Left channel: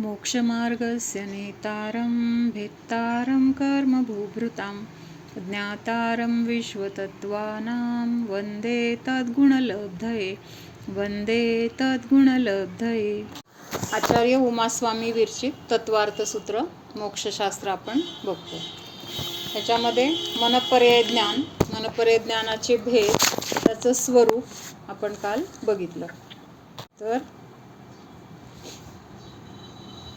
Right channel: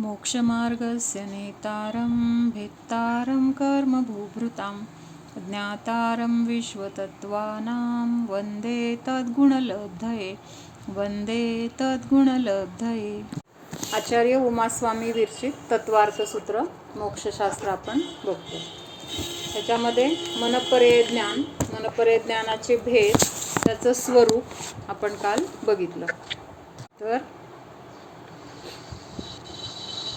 मोक्षमार्गस्य नेतारं भेत्तारं कर्मभूभृतां ज्ञातारं विश्वतत्त्वानां वन्दे तद्गुणलब्धये वन्दे तद्गुणलब्धये। आचार्य उमास्वामी विरचित तत्वार्थसूत्र मोक्षशास्त्र आपण बघतो। त्याच्यामध्ये मनपर्यय ज्ञान, मनपर्यय ज्ञानाचे भेद, त्याचं स्वरूप आपण काल बघितलं। तर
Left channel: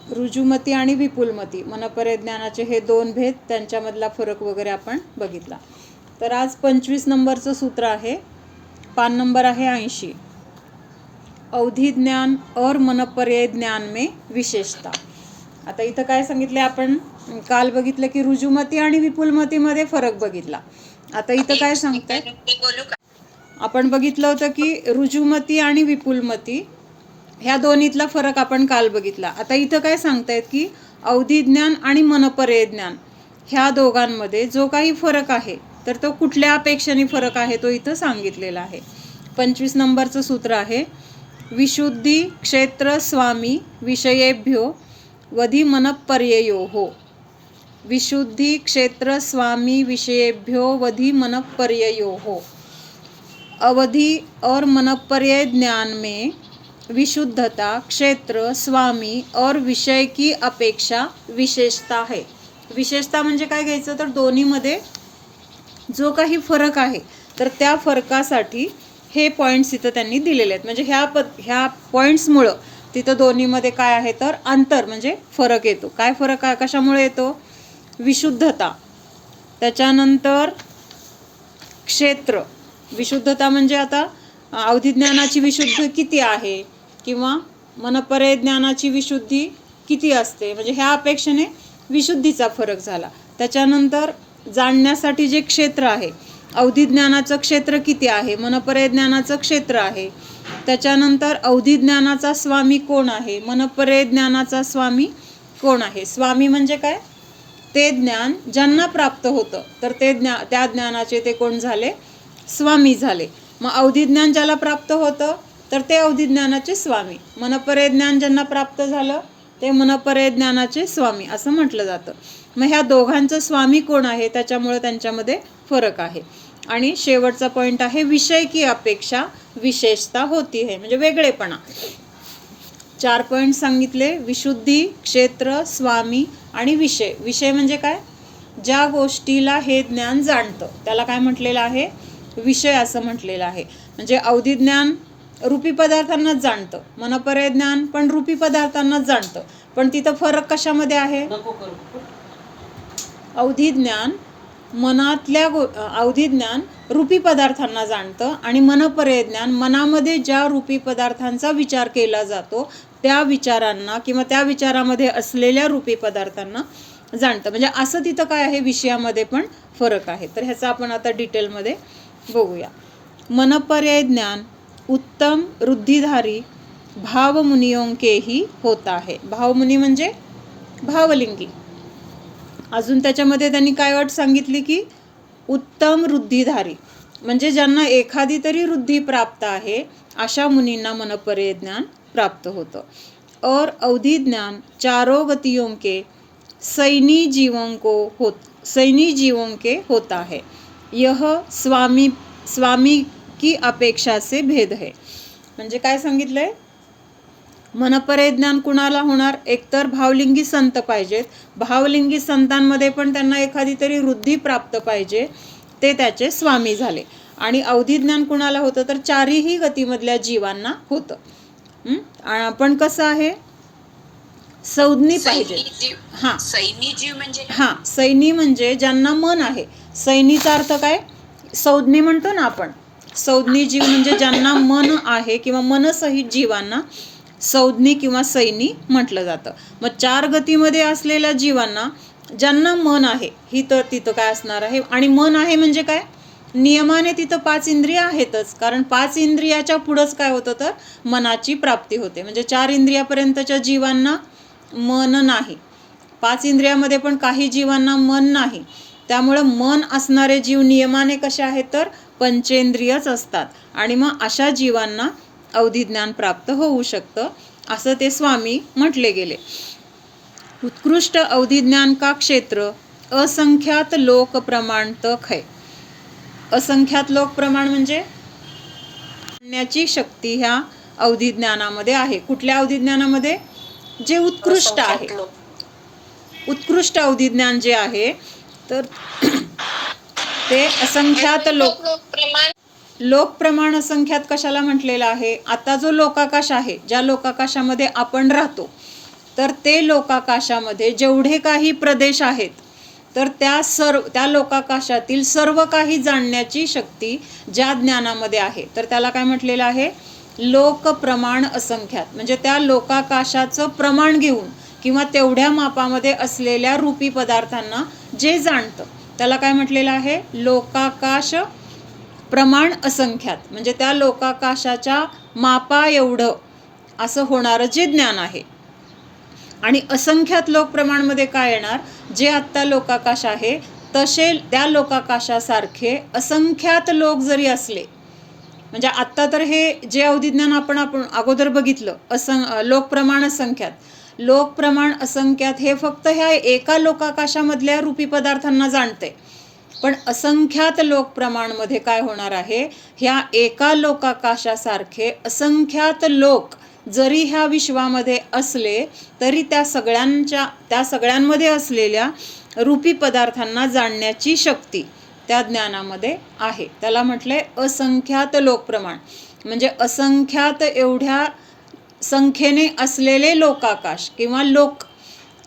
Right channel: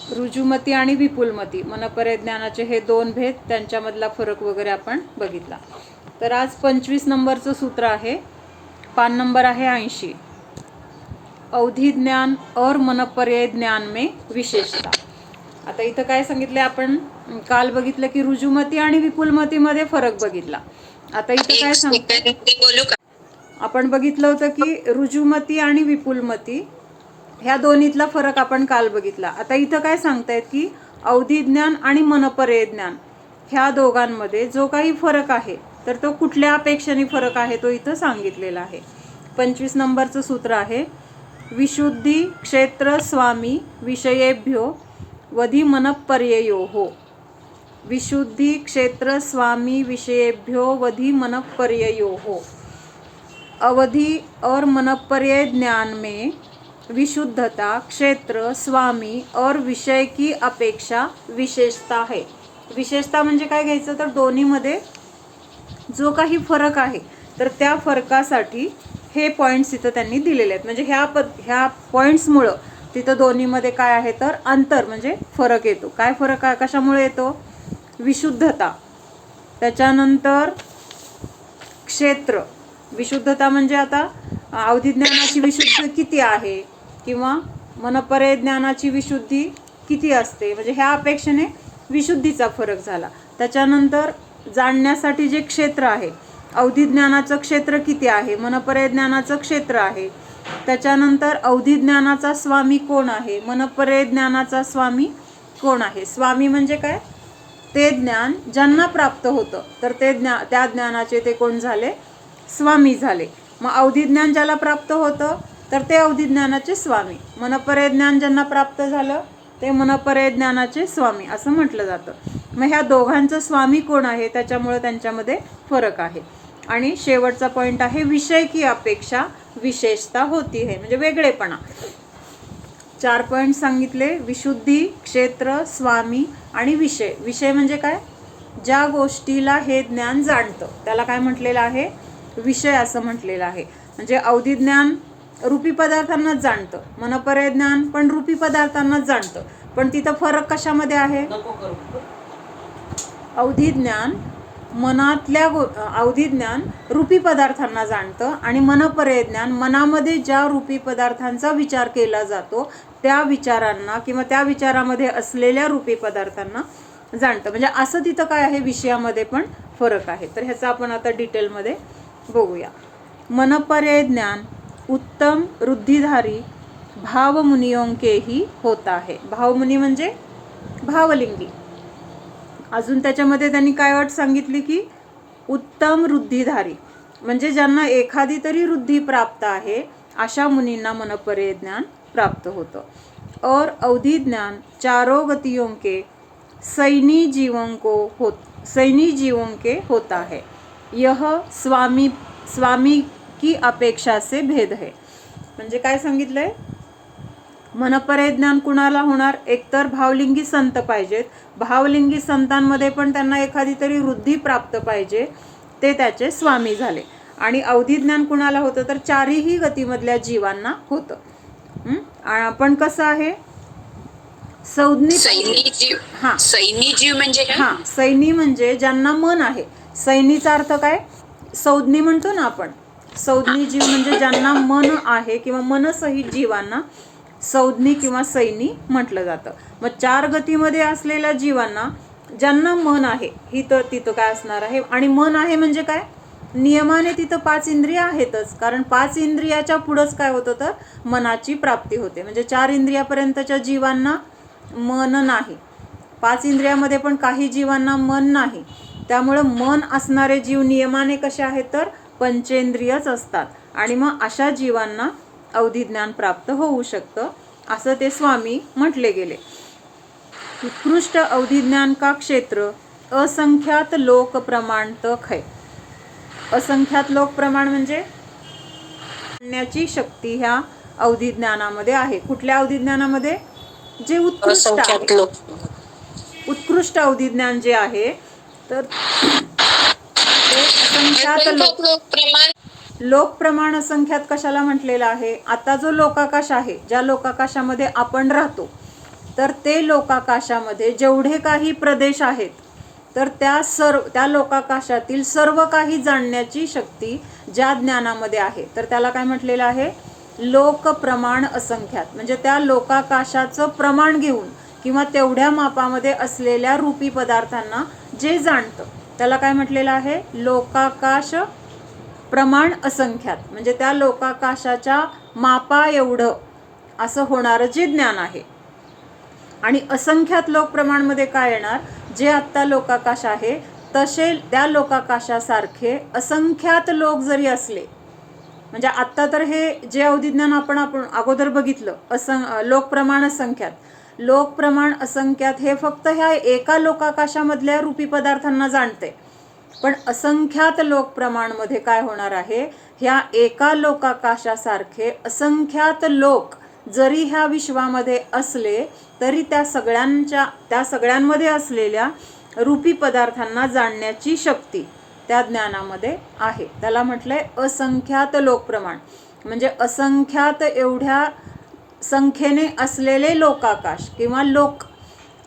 रुजुमती आणि विपुलमती मनपर्यय ज्ञानाचे हे दोन भेद, त्यांच्यामधला फरक वगैरे आपण बघितला। तर आज 25 नंबरचं सूत्र आहे, पान नंबर आहे 80। अवधि ज्ञान और मनपर्यय ज्ञान में विशेषता। आता इथं काय सांगितले, आपण काल बघितलं की रुजुमती आणि विपुलमतीमध्ये फरक बघितला। आता इथं काय सांगतात, आपण बघितलं होतं की रुजुमती आणि विपुलमती ह्या दोन्हीतला फरक आपण काल बघितला। आता इथं काय सांगतायत की अवधि ज्ञान आणि मनपर्यय ज्ञान ह्या दोघांमध्ये जो काही फरक आहे, तर तो कुठल्या अपेक्षेने फरक आहे तो इथं सांगितलेला आहे। 25 नंबरचं सूत्र आहे, विशुद्धी क्षेत्र स्वामी विषयेभ्यो वधि मनपर्ययोः। विशुद्धि क्षेत्र स्वामी विषयेभ्यो वधि मनपर्ययोः। अवधि और मनपर्यय ज्ञान में विशुद्धता क्षेत्र स्वामी और विषय की अपेक्षा विशेषता है। विशेषता म्हणजे काय घ्यायचं, तर दोन्हीमध्ये जो काही फरक आहे तर त्या फरकासाठी हे पॉईंट्स इथं त्यांनी दिलेले आहेत। म्हणजे ह्या पॉईंट्समुळं तिथं दोन्हीमध्ये काय आहे तर अंतर म्हणजे फरक येतो। काय फरक आहे, कशामुळे येतो, विशुद्धता, त्याच्यानंतर क्षेत्र। विशुद्धता म्हणजे आता अवधि ज्ञानाची विशुद्धी किती आहे किंवा मनपर्यय ज्ञानाची विशुद्धी किती असते, म्हणजे ह्या अपेक्षेने विशुद्धीचा फरक झाला। त्याच्यानंतर जाणण्यासाठी जे क्षेत्र आहे, अवधि ज्ञानाचं क्षेत्र किती आहे, मनपर्यय ज्ञानाचं क्षेत्र आहे। त्याच्यानंतर अवधि ज्ञानाचा स्वामी कोण आहे, मनपर्यय ज्ञानाचा स्वामी कोण आहे। स्वामी म्हणजे काय, ते ज्ञान ज्यांना प्राप्त होतं तर ते त्या ज्ञानाचे ते कोण झाले, स्वामी झाले। मग अवधि ज्ञान ज्याला प्राप्त होतं तर ते अवधि ज्ञानाचे स्वामी, मनपर्यय ज्ञान ज्यांना प्राप्त झालं ते मनपर्यय ज्ञानाचे स्वामी असं म्हटलं जातं। मग ह्या दोघांचं स्वामी कोण आहे, त्याच्यामुळे त्यांच्यामध्ये फरक आहे। आणि शेवटचा पॉईंट आहे, विषय की अपेक्षा विशेषता होती है, म्हणजे वेगळेपणा। 4 पॉईंट सांगितले, विशुद्धी क्षेत्र स्वामी आणि विषय। विषय म्हणजे काय, ज्या गोष्टीला हे ज्ञान जाणतं त्याला काय म्हटलेलं आहे, विषय असं म्हटलेलं आहे। म्हणजे अवधि ज्ञान रूपी पदार्थांनाच जाणतं, मनपर्यय ज्ञान पण रूपी पदार्थांनाच जाणतं, पण तिथं फरक कशामध्ये आहे, अवधि ज्ञान अवधि ज्ञान रूपी पदार्थांना जाणतं आणि मनपर्यय ज्ञान मनामध्ये ज्या रूपी पदार्थांचा विचार केला जातो त्या विचारांना किंवा त्या विचारामध्ये असलेल्या रूपी पदार्थांना जाणतं। म्हणजे असं तिथं काय आहे, विषयामध्ये पण फरक आहे। तर ह्याचा आपण आता डिटेलमध्ये बघूया। मनपर्यय ज्ञान उत्तम रुद्धिधारी भावमुनियों के ही होता है। भावमुनी म्हणजे भावलिंगी। अजून त्याच्यामध्ये त्यांनी काय अट सांगितली की उत्तम रुद्धिधारी म्हणजे ज्यांना एखादी तरी रुद्धी प्राप्त आहे अशा मुनींना मनपर्यय ज्ञान प्राप्त होतं। और अवधि ज्ञान चारों गतियों के सैनी जीवों के होता है। यह स्वामी की अपेक्षा से भेद है। म्हणजे काय सांगितलंय, मनपर्यय ज्ञान कुणाला होणार, एकतर भावलिंगी संत पाहिजेत, भावलिंगी संतांमध्ये पण त्यांना एखादी तरी वृद्धी प्राप्त पाहिजे, ते त्याचे स्वामी झाले। आणि अवधि ज्ञान कुणाला होतं तर चारही गतीमधल्या जीवांना होतं। पण कसं आहे, संज्ञी पाहिजे। हां, सैनी जीव म्हणजे हां, सैनी म्हणजे ज्यांना मन आहे। सैनीचा अर्थ काय, संज्ञी म्हणतो ना आपण, संज्ञी जीव म्हणजे ज्यांना मन आहे किंवा मनसहित जीवांना संज्ञी किंवा सैनी म्हटलं जातं। मग 4 गतीमध्ये असलेल्या जीवांना ज्यांना मन आहे ही तर तिथं काय असणार आहे, आणि मन आहे म्हणजे काय, नियमाने तिथं 5 इंद्रिय आहेतच, कारण 5 इंद्रियाच्या पुढंच काय होतं तर मनाची प्राप्ती होते। म्हणजे 4 इंद्रियापर्यंतच्या जीवांना मन नाही, 5 इंद्रियामध्ये पण काही जीवांना मन नाही। त्यामुळे मन असणारे जीव नियमाने कसे आहेत तर पंचेंद्रियच असतात, आणि मग अशा जीवांना अवधि ज्ञान प्राप्त होऊ शकतं असं ते स्वामी म्हटले गेले। उत्कृष्ट अवधिज्ञान का क्षेत्र असंख्यात लोक प्रमाण तक है. असंख्यात लोक प्रमाण म्हणजे जाणण्याची शक्ती ह्या अवधिज्ञानामध्ये आहे. कुठल्या अवधिज्ञानामध्ये? जे उत्कृष्ट आहे. उत्कृष्ट अवधिज्ञान जे आहे तर ते असंख्यात लोक प्रमाण असंख्यात कशाला म्हटलेलं आहे? आता जो लोकाकाश आहे, ज्या लोकाकाशामध्ये आपण राहतो, तर ते लोकाकाशामध्ये जेवढे काही प्रदेश आहेत तर त्या लोकाकाशातील सर्व काही जाणण्याची शक्ती ज्या ज्ञानामध्ये आहे तर त्याला काय म्हटलेलं आहे? लोक प्रमाण असंख्यात. म्हणजे त्या लोकाकाशाचं प्रमाण घेऊन किंवा तेवढ्या मापामध्ये असलेल्या रूपी पदार्थांना जे जाणतं त्याला काय म्हटलेलं आहे? लोकाकाश प्रमाण असंख्यात. म्हणजे त्या लोकाकाशाच्या मापा एवढं असं होणारं जे ज्ञान आहे. आणि असंख्यात लोक प्रमाणमध्ये काय येणार? जे आत्ता लोकाकाश आहे तसे त्या लोकाकाशासारखे असंख्यात लोक जरी असले, म्हणजे आत्ता तर हे जे अवधिज्ञान आपण अगोदर बघितलं लोक प्रमाण असंख्यात. लोक प्रमाण असंख्यात हे फक्त ह्या एका लोकाकाशामधल्या रूपी पदार्थांना जाणते. पण असंख्यात लोक प्रमाणमध्ये काय होणार आहे? ह्या एका लोकाकाशासारखे असंख्यात लोक जरी ह्या विश्वामध्ये असले तरी त्या सगळ्यांमध्ये असलेल्या रूपी पदार्थांना जाणण्याची शक्ती त्या ज्ञानामध्ये आहे. त्याला म्हटलंय असंख्यात लोक प्रमाण. म्हणजे असंख्यात एवढ्या संख्येने असलेले लोकाकाश किंवा लोक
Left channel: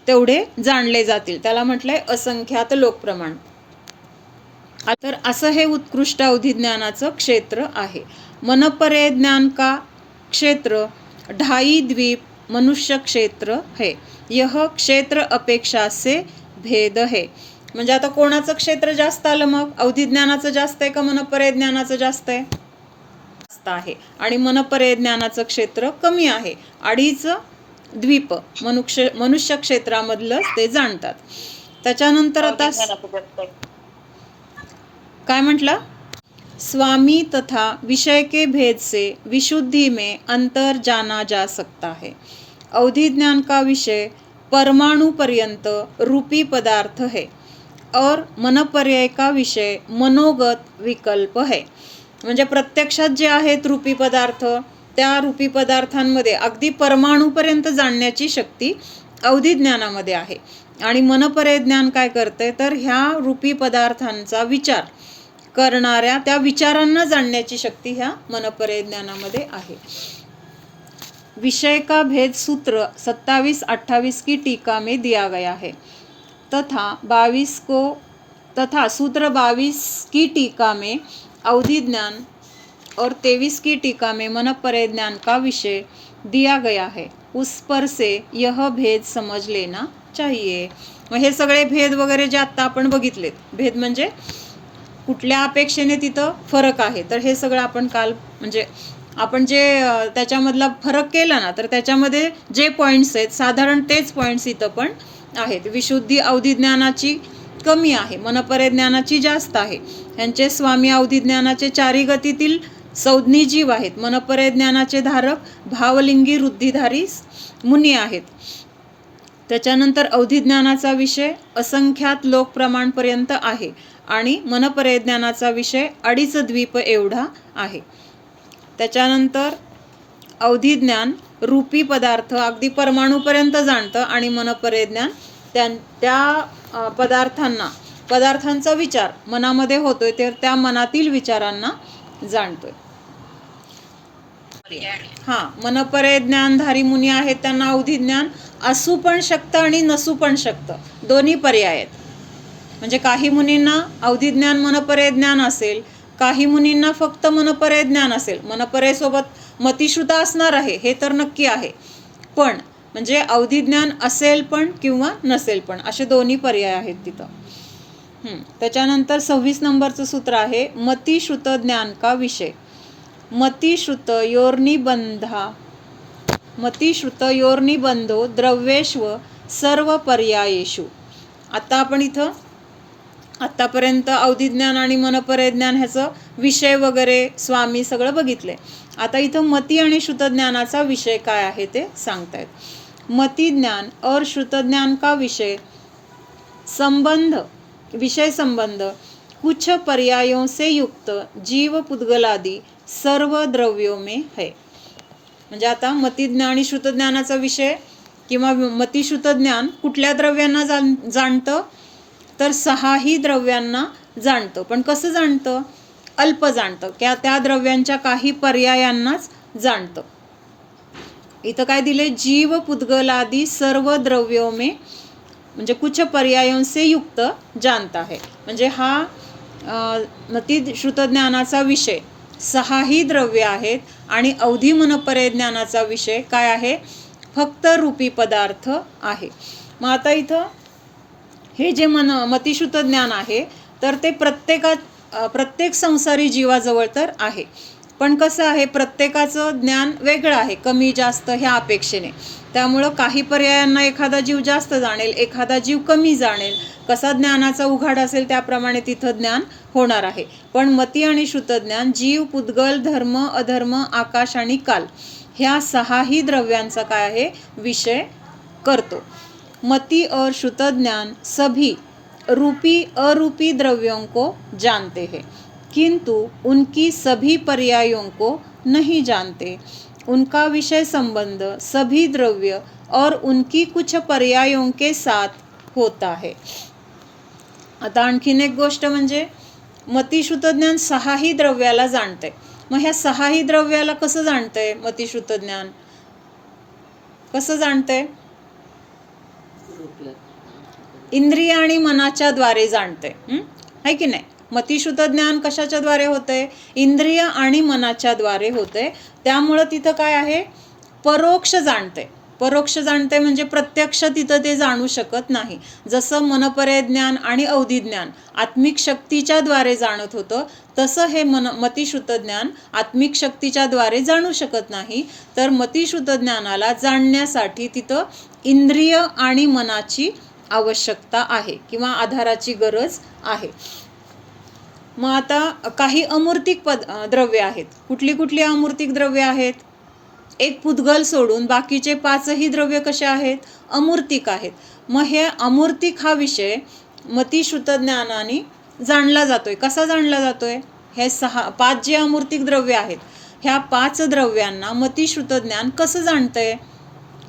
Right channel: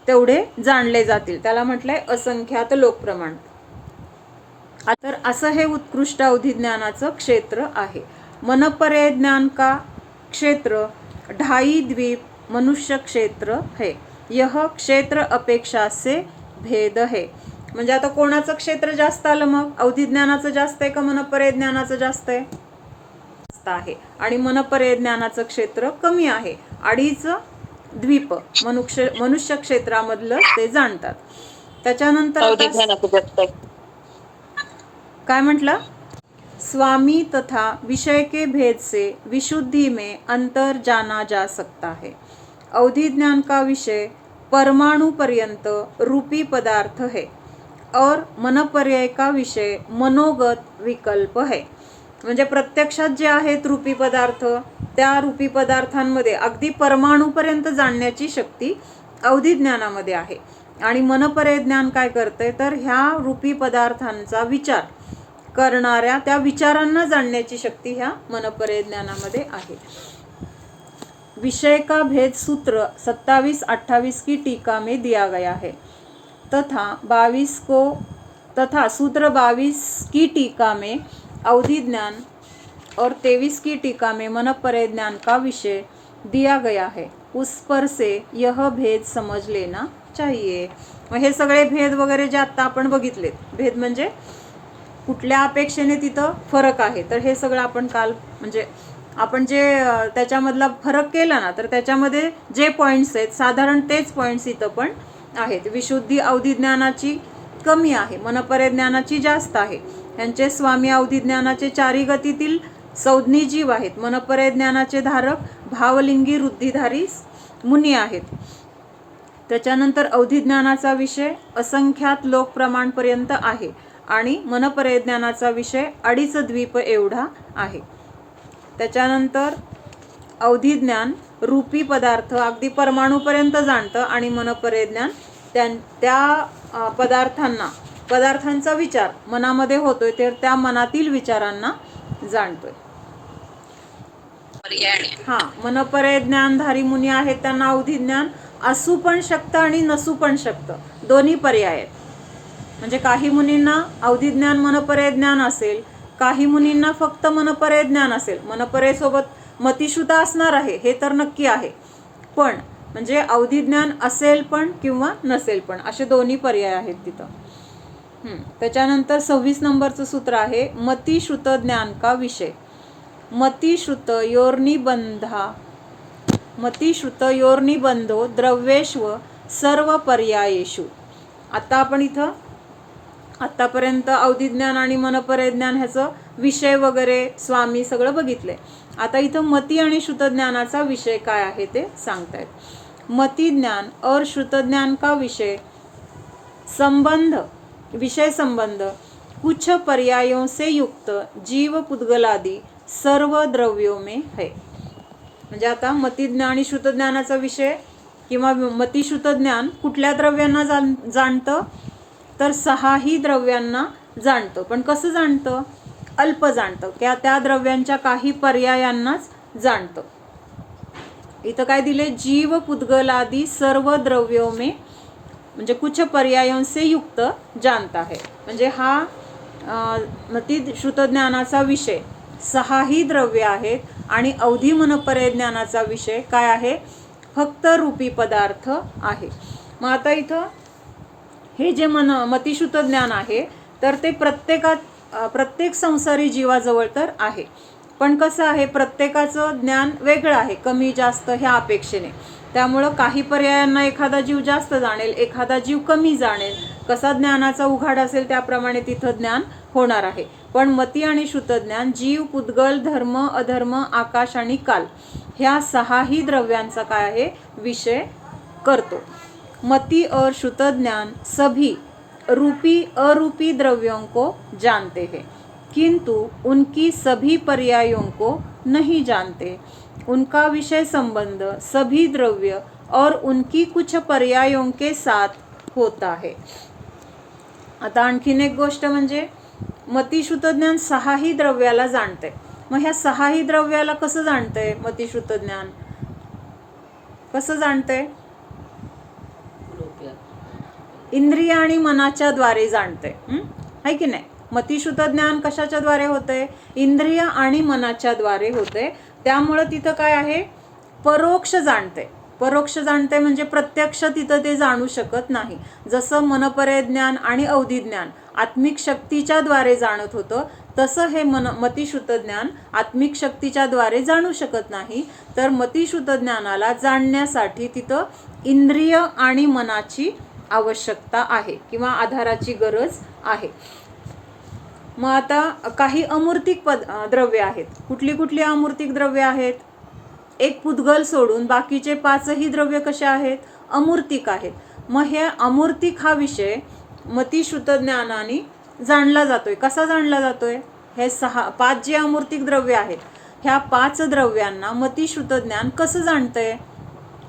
तेवढे जाणले जातील, त्याला म्हटलंय असंख्यात लोक प्रमाण. तर असं हे उत्कृष्ट अवधिज्ञानाचं क्षेत्र आहे. मनपर्यय ज्ञान का क्षेत्र 2.5 द्वीप मनुष्य क्षेत्र है. यह क्षेत्र अपेक्षा से भेद है. म्हणजे आता कोणाचं क्षेत्र जास्त आलं मग? अवधिज्ञानाचं जास्त आहे का मनपर्यय ज्ञानाचं जास्त आहे? जास्त आहे. आणि मनपर्यय ज्ञानाचं क्षेत्र कमी आहे. 2.5 द्वीप मनुष्य क्षेत्रामधलं ते जाणतात. त्याच्यानंतर आता काय म्हटलं? स्वामी तथा विषय के भेद से विशुद्धि में अंतर जाना जा सकता है. अवधिज्ञान का विषय परमाणु पर्यंत रूपी पदार्थ है और मनपर्यय का विषय मनोगत विकल्प है. म्हणजे प्रत्यक्षात जे आहेत रूपी पदार्थ त्या रूपी पदार्थांमध्ये अगदी परमाणूपर्यंत जाणण्याची शक्ती अवधिज्ञानामध्ये आहे. आणि मनपर्यय ज्ञान काय करते तर ह्या रूपी पदार्थांचा विचार करणाऱ्या त्या विचारांना जाणण्याची शक्ती ह्या मनपर्यय ज्ञानामध्ये आहे. विषय का भेद सूत्र 27-28 की टीका में दिया गया है तथा सूत्र 22 की टीका में अवधिज्ञान और 23 की टीका में मनपर्यय ज्ञान का विषय दिया गया है. उस पर से यह भेद समझ लेना चाहिए. हे सगळे भेद वगैरे जे आत्ता आपण बघितलेत, भेद म्हणजे कुठल्या अपेक्षेने तिथं फरक आहे, तर हे सगळं आपण काल म्हणजे आपण जे त्याच्यामधला फरक केला ना तर त्याच्यामध्ये जे पॉईंट्स आहेत साधारण तेच पॉईंट्स इथं पण आहेत. विशुद्धी अवधिज्ञानाची कमी आहे, मनपर्यय ज्ञानाची जास्त आहे. यांचे स्वामी अवधिज्ञानाचे 4 गतीतील संज्ञी जीव आहेत. मनपर्यय ज्ञानाचे धारक भावलिंगी वृद्धिधारी मुनी आहेत. त्याच्यानंतर अवधिज्ञानाचा विषय असंख्यात लोक प्रमाणपर्यंत आहे आणि मनपर्यय ज्ञानाचा विषय 2.5 द्वीप एवढा आहे. त्याच्यानंतर अवधिज्ञान रूपी पदार्थ अगदी परमाणूपर्यंत जाणतं आणि मनपर्यय ज्ञान त्या पदार्थांचा विचार मनामध्ये होतोय तर त्या मनातील विचारांना जाणतोय. मनपर्यय ज्ञानधारी मुनी आहेत त्यांना अवधिज्ञान असू पण शकतं आणि नसू पण शकतं, दोन्ही पर्याय आहेत. म्हणजे काही मुनींना अवधिज्ञान मनपर्यय ज्ञान असेल, काही मुनींना फक्त मनपर्यय ज्ञान असेल. मनपर्यय सोबत मतिश्रुता असणार आहे हे तर नक्की आहे, पण म्हणजे अवधिज्ञान असेल पण किंवा नसेल पण, असे दोन्ही पर्याय आहेत तिथं. त्याच्यानंतर 26 नंबरचं सूत्र आहे मतिश्रुत ज्ञान का विषय. मतिश्रुत योर्निबंधो द्रव्येष्व सर्व पर्यायेषु. आता आपण इथं आत्तापर्यंत अवधिज्ञान आणि मनपर्यय ज्ञान ह्याचं विषय वगैरे स्वामी सगळं बघितलंय. आता इथं मती आणि श्रुत ज्ञानाचा विषय काय आहे ते सांगतायत. मति ज्ञान और श्रुत ज्ञान का विषय संबंध कुछ पर्यायों से युक्त जीव पुद्गलादि सर्व द्रव्यों में है. म्हणजे आता मतिज्ञान आणि श्रुतज्ञानाचा विषय किंवा मतिश्रुत ज्ञान कुठल्या द्रव्यांना जाणतं, तर 6ही द्रव्यांना जाणतं. पण कसं जाणतं? अल्प जाणतं, त्या द्रव्यांच्या काही पर्यायांनाच जाणतं. इथं काय दिले? जीव पुद्गलादि सर्व द्रव्यों में म्हणजे कुछ पर्यायों से युक्त जानता है. म्हणजे हा मतिश्रुत ज्ञानाचा विषय 6ही द्रव्य आहेत आणि अवधी मनपर्यय ज्ञानाचा विषय काय आहे? फक्त रूपी पदार्थ आहे. मग आता इथं हे जे मतिश्रुत ज्ञान आहे तर ते प्रत्येक संसारी जीवाजवळ तर आहे. पण कसं आहे? प्रत्येकाचं ज्ञान वेगळं आहे, कमी जास्त ह्या अपेक्षेने. त्यामुळं काही पर्यायांना एखादा जीव जास्त जाणेल, एखादा जीव कमी जाणेल. कसा ज्ञानाचा उघाड असेल त्याप्रमाणे तिथं ज्ञान होणार आहे. पण मती आणि श्रुतज्ञान जीव, पुद्गल, धर्म, अधर्म, आकाश आणि काल ह्या 6ही द्रव्यांचा काय आहे? विषय करतो. मति और श्रुतज्ञान सभी रूपी अरूपी द्रव्यों को जानते हैं, किंतु उनकी सभी पर्यायों को नहीं जानते. उनका विषय संबंध सभी द्रव्य और उनकी कुछ पर्यायों के साथ होता है. आता आणखीन एक गोष्ट म्हणजे मतिश्रुत ज्ञान 6ही द्रव्याला जाणते. मग ह्या 6ही द्रव्याला कसं जाणतंय? मतिश्रुत ज्ञान कसं जाणतंय? इंद्रिय आणि मनाच्या द्वारे जाणते, है की नाही? मतिश्रुत ज्ञान कशाच्या द्वारे होते? इंद्रिय आणि मनाच्या द्वारे होते. त्यामुळं तिथं काय आहे? परोक्ष जाणते. परोक्ष जाणते म्हणजे प्रत्यक्ष तिथं ते जाणू शकत नाही. जसं मनपर्यय ज्ञान आणि अवधी ज्ञान आत्मिक शक्तीच्या द्वारे जाणत होतं, तसं हे मतिश्रुत ज्ञान आत्मिक शक्तीच्या द्वारे जाणू शकत नाही. तर मतिश्रुत ज्ञानाला जाणण्यासाठी तिथं इंद्रिय आणि मनाची आवश्यकता आहे किंवा आधाराची गरज आहे. मग आता काही अमूर्तिक द्रव्य आहेत. कुठली कुठली अमूर्तिक द्रव्य आहेत? एक पुद्गल सोडून बाकीचे 5ही द्रव्य कसे आहेत? अमूर्तिक आहेत. मग हे अमूर्तिक हा विषय मतिश्रुत ज्ञानाने जाणला जातोय. कसा जाणला जातोय? हे 5 जे अमूर्तिक द्रव्य आहेत ह्या 5 द्रव्यांना मतिश्रुत ज्ञान कसं जाणतंय?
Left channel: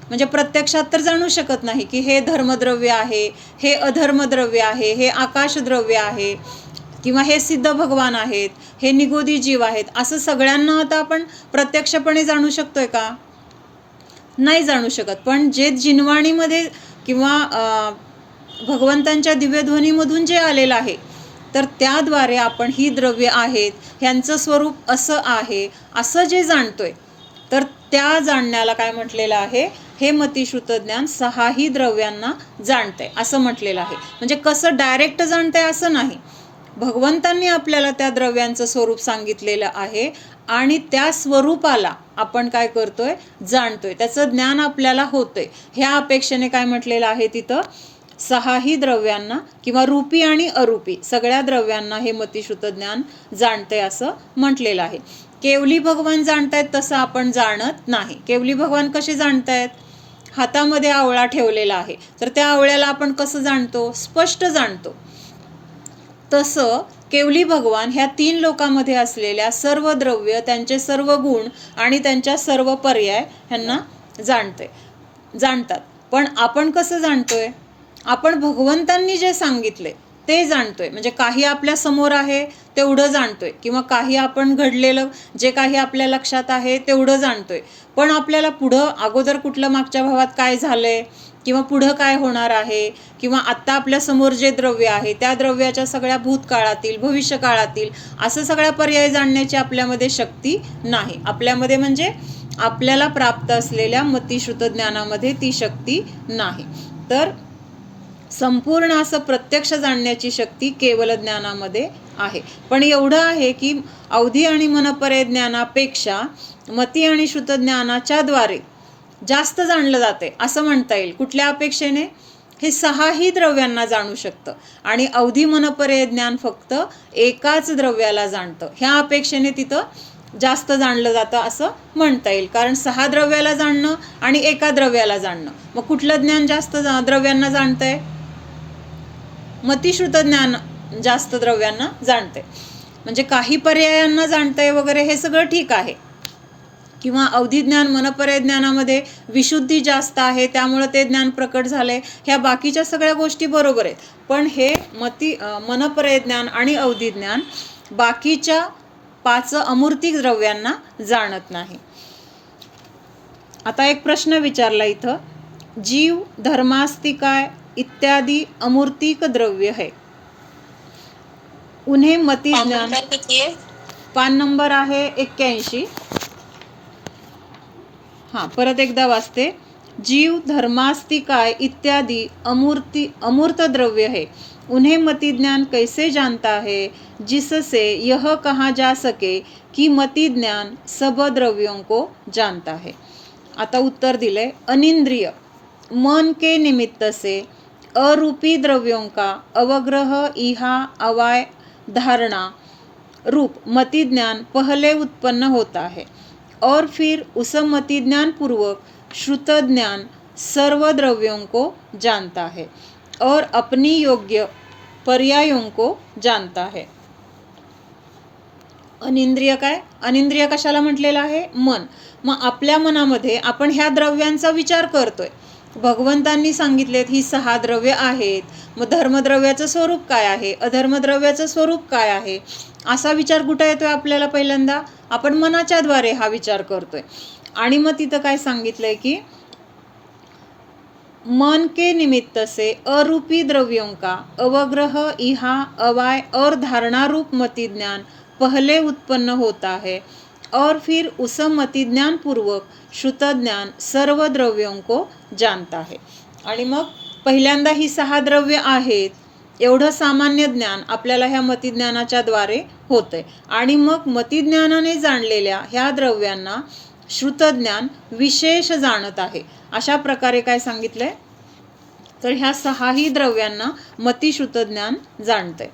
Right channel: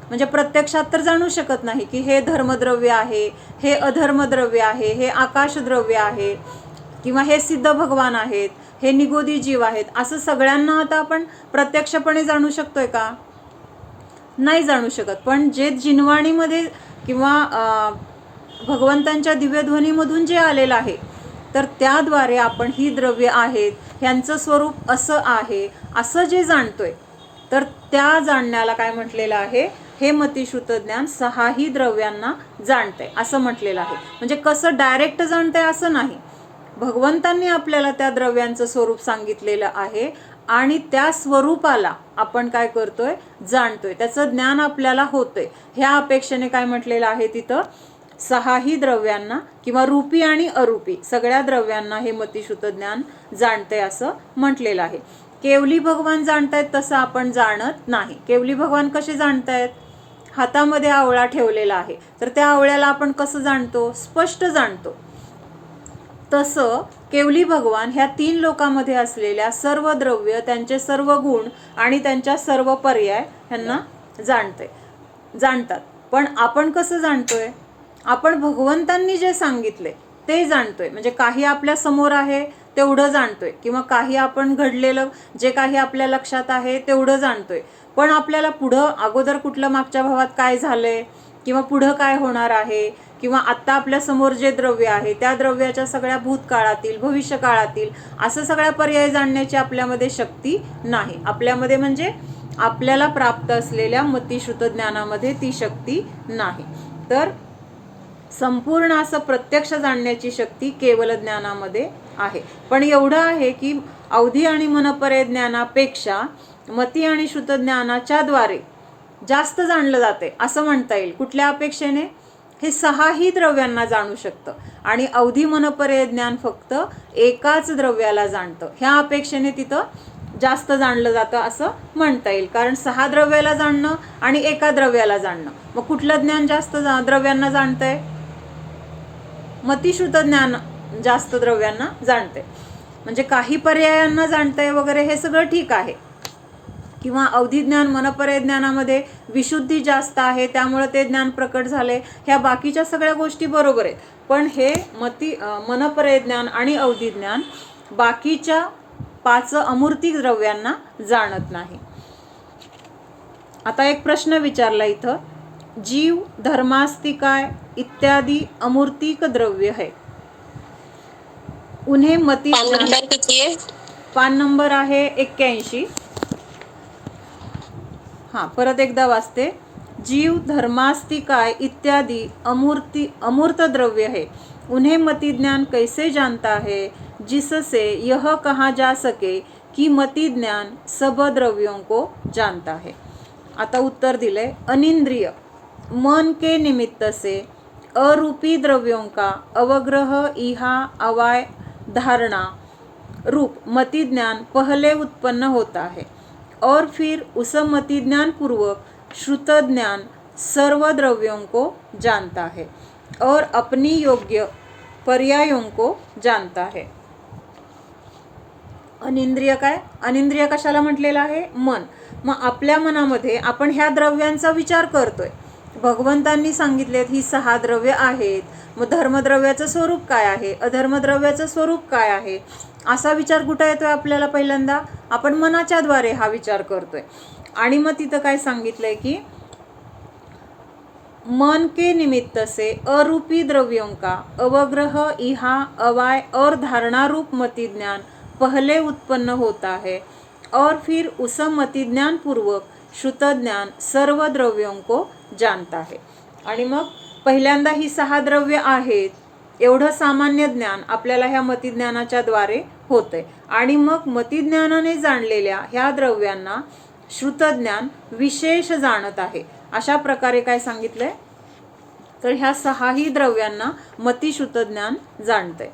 म्हणजे प्रत्यक्षात तर जाणू शकत नाही की हे धर्मद्रव्य आहे, हे अधर्मद्रव्य आहे, हे आकाशद्रव्य आहे किंवा हे सिद्ध भगवान आहेत, हे निगोदी जीव आहेत. असं सगळ्यांना आता आपण प्रत्यक्षपणे जाणू शकतोय का? नाही जाणू शकत. पण जे जिनवाणीमध्ये किंवा भगवंतांच्या दिव्यध्वनीमधून जे आलेलं आहे तर त्याद्वारे आपण ही द्रव्य आहेत, ह्यांचं स्वरूप असं आहे, असं जे जाणतोय तर त्या जाणण्याला काय म्हटलेलं आहे? हे मतिश्रुत ज्ञान 6ही द्रव्यांना जाणतंय असं म्हटलेलं आहे. म्हणजे कसं डायरेक्ट जाणतंय असं नाही. भगवंतांनी आपल्याला त्या द्रव्यांचं स्वरूप सांगितलेलं आहे आणि त्या स्वरूपाला आपण काय करतोय? जाणतोय. त्याचं ज्ञान आपल्याला होतंय. ह्या अपेक्षेने काय म्हटलेलं आहे तिथं? 6ही द्रव्यांना किंवा रूपी आणि अरूपी सगळ्या द्रव्यांना हे मतिश्रुत ज्ञान जाणतंय असं म्हटलेलं आहे. केवली भगवान जाणतायत तसं आपण जाणत नाही. केवली भगवान कसे जाणतायत? हातामध्ये आवळा ठेवलेला आहे तर त्या आवळ्याला आपण कसं जाणतो? स्पष्ट जाणतो. तसं केवली भगवान ह्या 3 लोकांमध्ये असलेल्या सर्व द्रव्य, त्यांचे सर्व गुण आणि त्यांच्या सर्व पर्याय ह्यांना जाणतात. पण आपण कसं जाणतोय? आपण भगवंतांनी जे सांगितले ते जाणतोय. म्हणजे काही आपल्या समोर आहे तेवढं जाणतोय किंवा काही आपण घडलेलं जे काही आपल्या लक्षात आहे तेवढं जाणतोय. पण आपल्याला पुढं अगोदर कुठलं मागच्या भावात काय झालंय किंवा पुढं काय होणार आहे किंवा आत्ता आपल्या समोर जे द्रव्य आहे त्या द्रव्याच्या सगळ्या भूतकाळातील, भविष्यकाळातील असं सगळ्या पर्याय जाणण्याची आपल्यामध्ये शक्ती नाही. आपल्यामध्ये म्हणजे आपल्याला प्राप्त असलेल्या मतिश्रुत ज्ञानामध्ये ती शक्ती नाही. तर संपूर्ण असं प्रत्यक्ष जाणण्याची शक्ती केवल ज्ञानामध्ये आहे. पण एवढं आहे की अवधी आणि मनपर्यय ज्ञानापेक्षा मती आणि श्रुत ज्ञानाच्या द्वारे जास्त जाणलं जाते असं म्हणता येईल. कुठल्या अपेक्षेने? हे 6ही द्रव्यांना जाणू शकतं आणि अवधी मनपर्यय ज्ञान फक्त एकाच द्रव्याला जाणतं. ह्या अपेक्षेने तिथं जास्त जाणलं जातं असं म्हणता येईल, कारण 6 द्रव्याला जाणणं आणि एका द्रव्याला जाणणं, मग कुठलं ज्ञान जास्त द्रव्यांना जाणतंय? मतिश्रुत ज्ञान जास्त द्रव्यांना जाणते. म्हणजे काही पर्यायांना जाणतंय वगैरे हे सगळं ठीक आहे, किंवा अवधी ज्ञान मनपर्याय ज्ञानामध्ये विशुद्धी जास्त आहे त्यामुळे ते ज्ञान प्रकट झाले, ह्या बाकीच्या सगळ्या गोष्टी बरोबर आहेत. पण हे मनपर्याय ज्ञान आणि अवधी ज्ञान बाकीच्या 5 अमूर्तिक द्रव्यांना जाणत नाही. आता एक प्रश्न विचारला इथं, जीव धर्मास्तिकाय इत्यादी अमूर्तिक द्रव्य है, उन्हें मति ज्ञान. पान नंबर आहे 81. हां, परत एकदा वाचते. जीव धर्मास्तिकाय इत्यादि अमूर्त द्रव्य है, उन्हें मति ज्ञान कैसे जानता है, जिससे यह कहा जा सके कि मति ज्ञान सब द्रव्यों को जानता है. आता उत्तर दिले, अनिंद्रिय मन के निमित्त से अरूपी द्रव्यों का अवग्रह इहा अवाय धारणा रूप मति ज्ञान पहले उत्पन्न होता है, और फिर उस मति ज्ञान पूर्वक श्रुत ज्ञान सर्व द्रव्यों को जानता है और अपनी योग्य पर्यायों को जानता है. अनिंद्रिय काय? अनिंद्रिय कशाला म्हटलेलं आहे? मन. मग आपल्या मनामध्ये आपण ह्या द्रव्यांचा विचार करतोय. भगवंतांनी सांगितलेत ही 6 द्रव्य आहेत, मग धर्मद्रव्याचं स्वरूप काय आहे, अधर्मद्रव्याचं स्वरूप काय आहे, असा विचार कुठं येतोय आपल्याला? पहिल्यांदा आपण मनाच्या द्वारे हा विचार करतोय. आणि मग तिथं काय सांगितलंय की मन के निमित्त से अरूपी द्रव्यों का अवग्रह इहा अवाय और धारणा रूप मति ज्ञान पहले उत्पन्न होता है, और फिर उस मति ज्ञान पूर्वक श्रुत ज्ञान सर्व द्रव्यों को जानता है. आणि मग पहिल्यांदा ही 6 द्रव्य आहेत एवढं सामान्य ज्ञान आपल्याला ह्या मतिज्ञानाच्या द्वारे होतंय, आणि मग मतिज्ञानाने जाणलेल्या ह्या द्रव्यांना श्रुतज्ञान विशेष जाणत आहे. अशा प्रकारे काय सांगितलंय, तर ह्या 6ही द्रव्यांना मतिश्रुतज्ञान जाणतंय.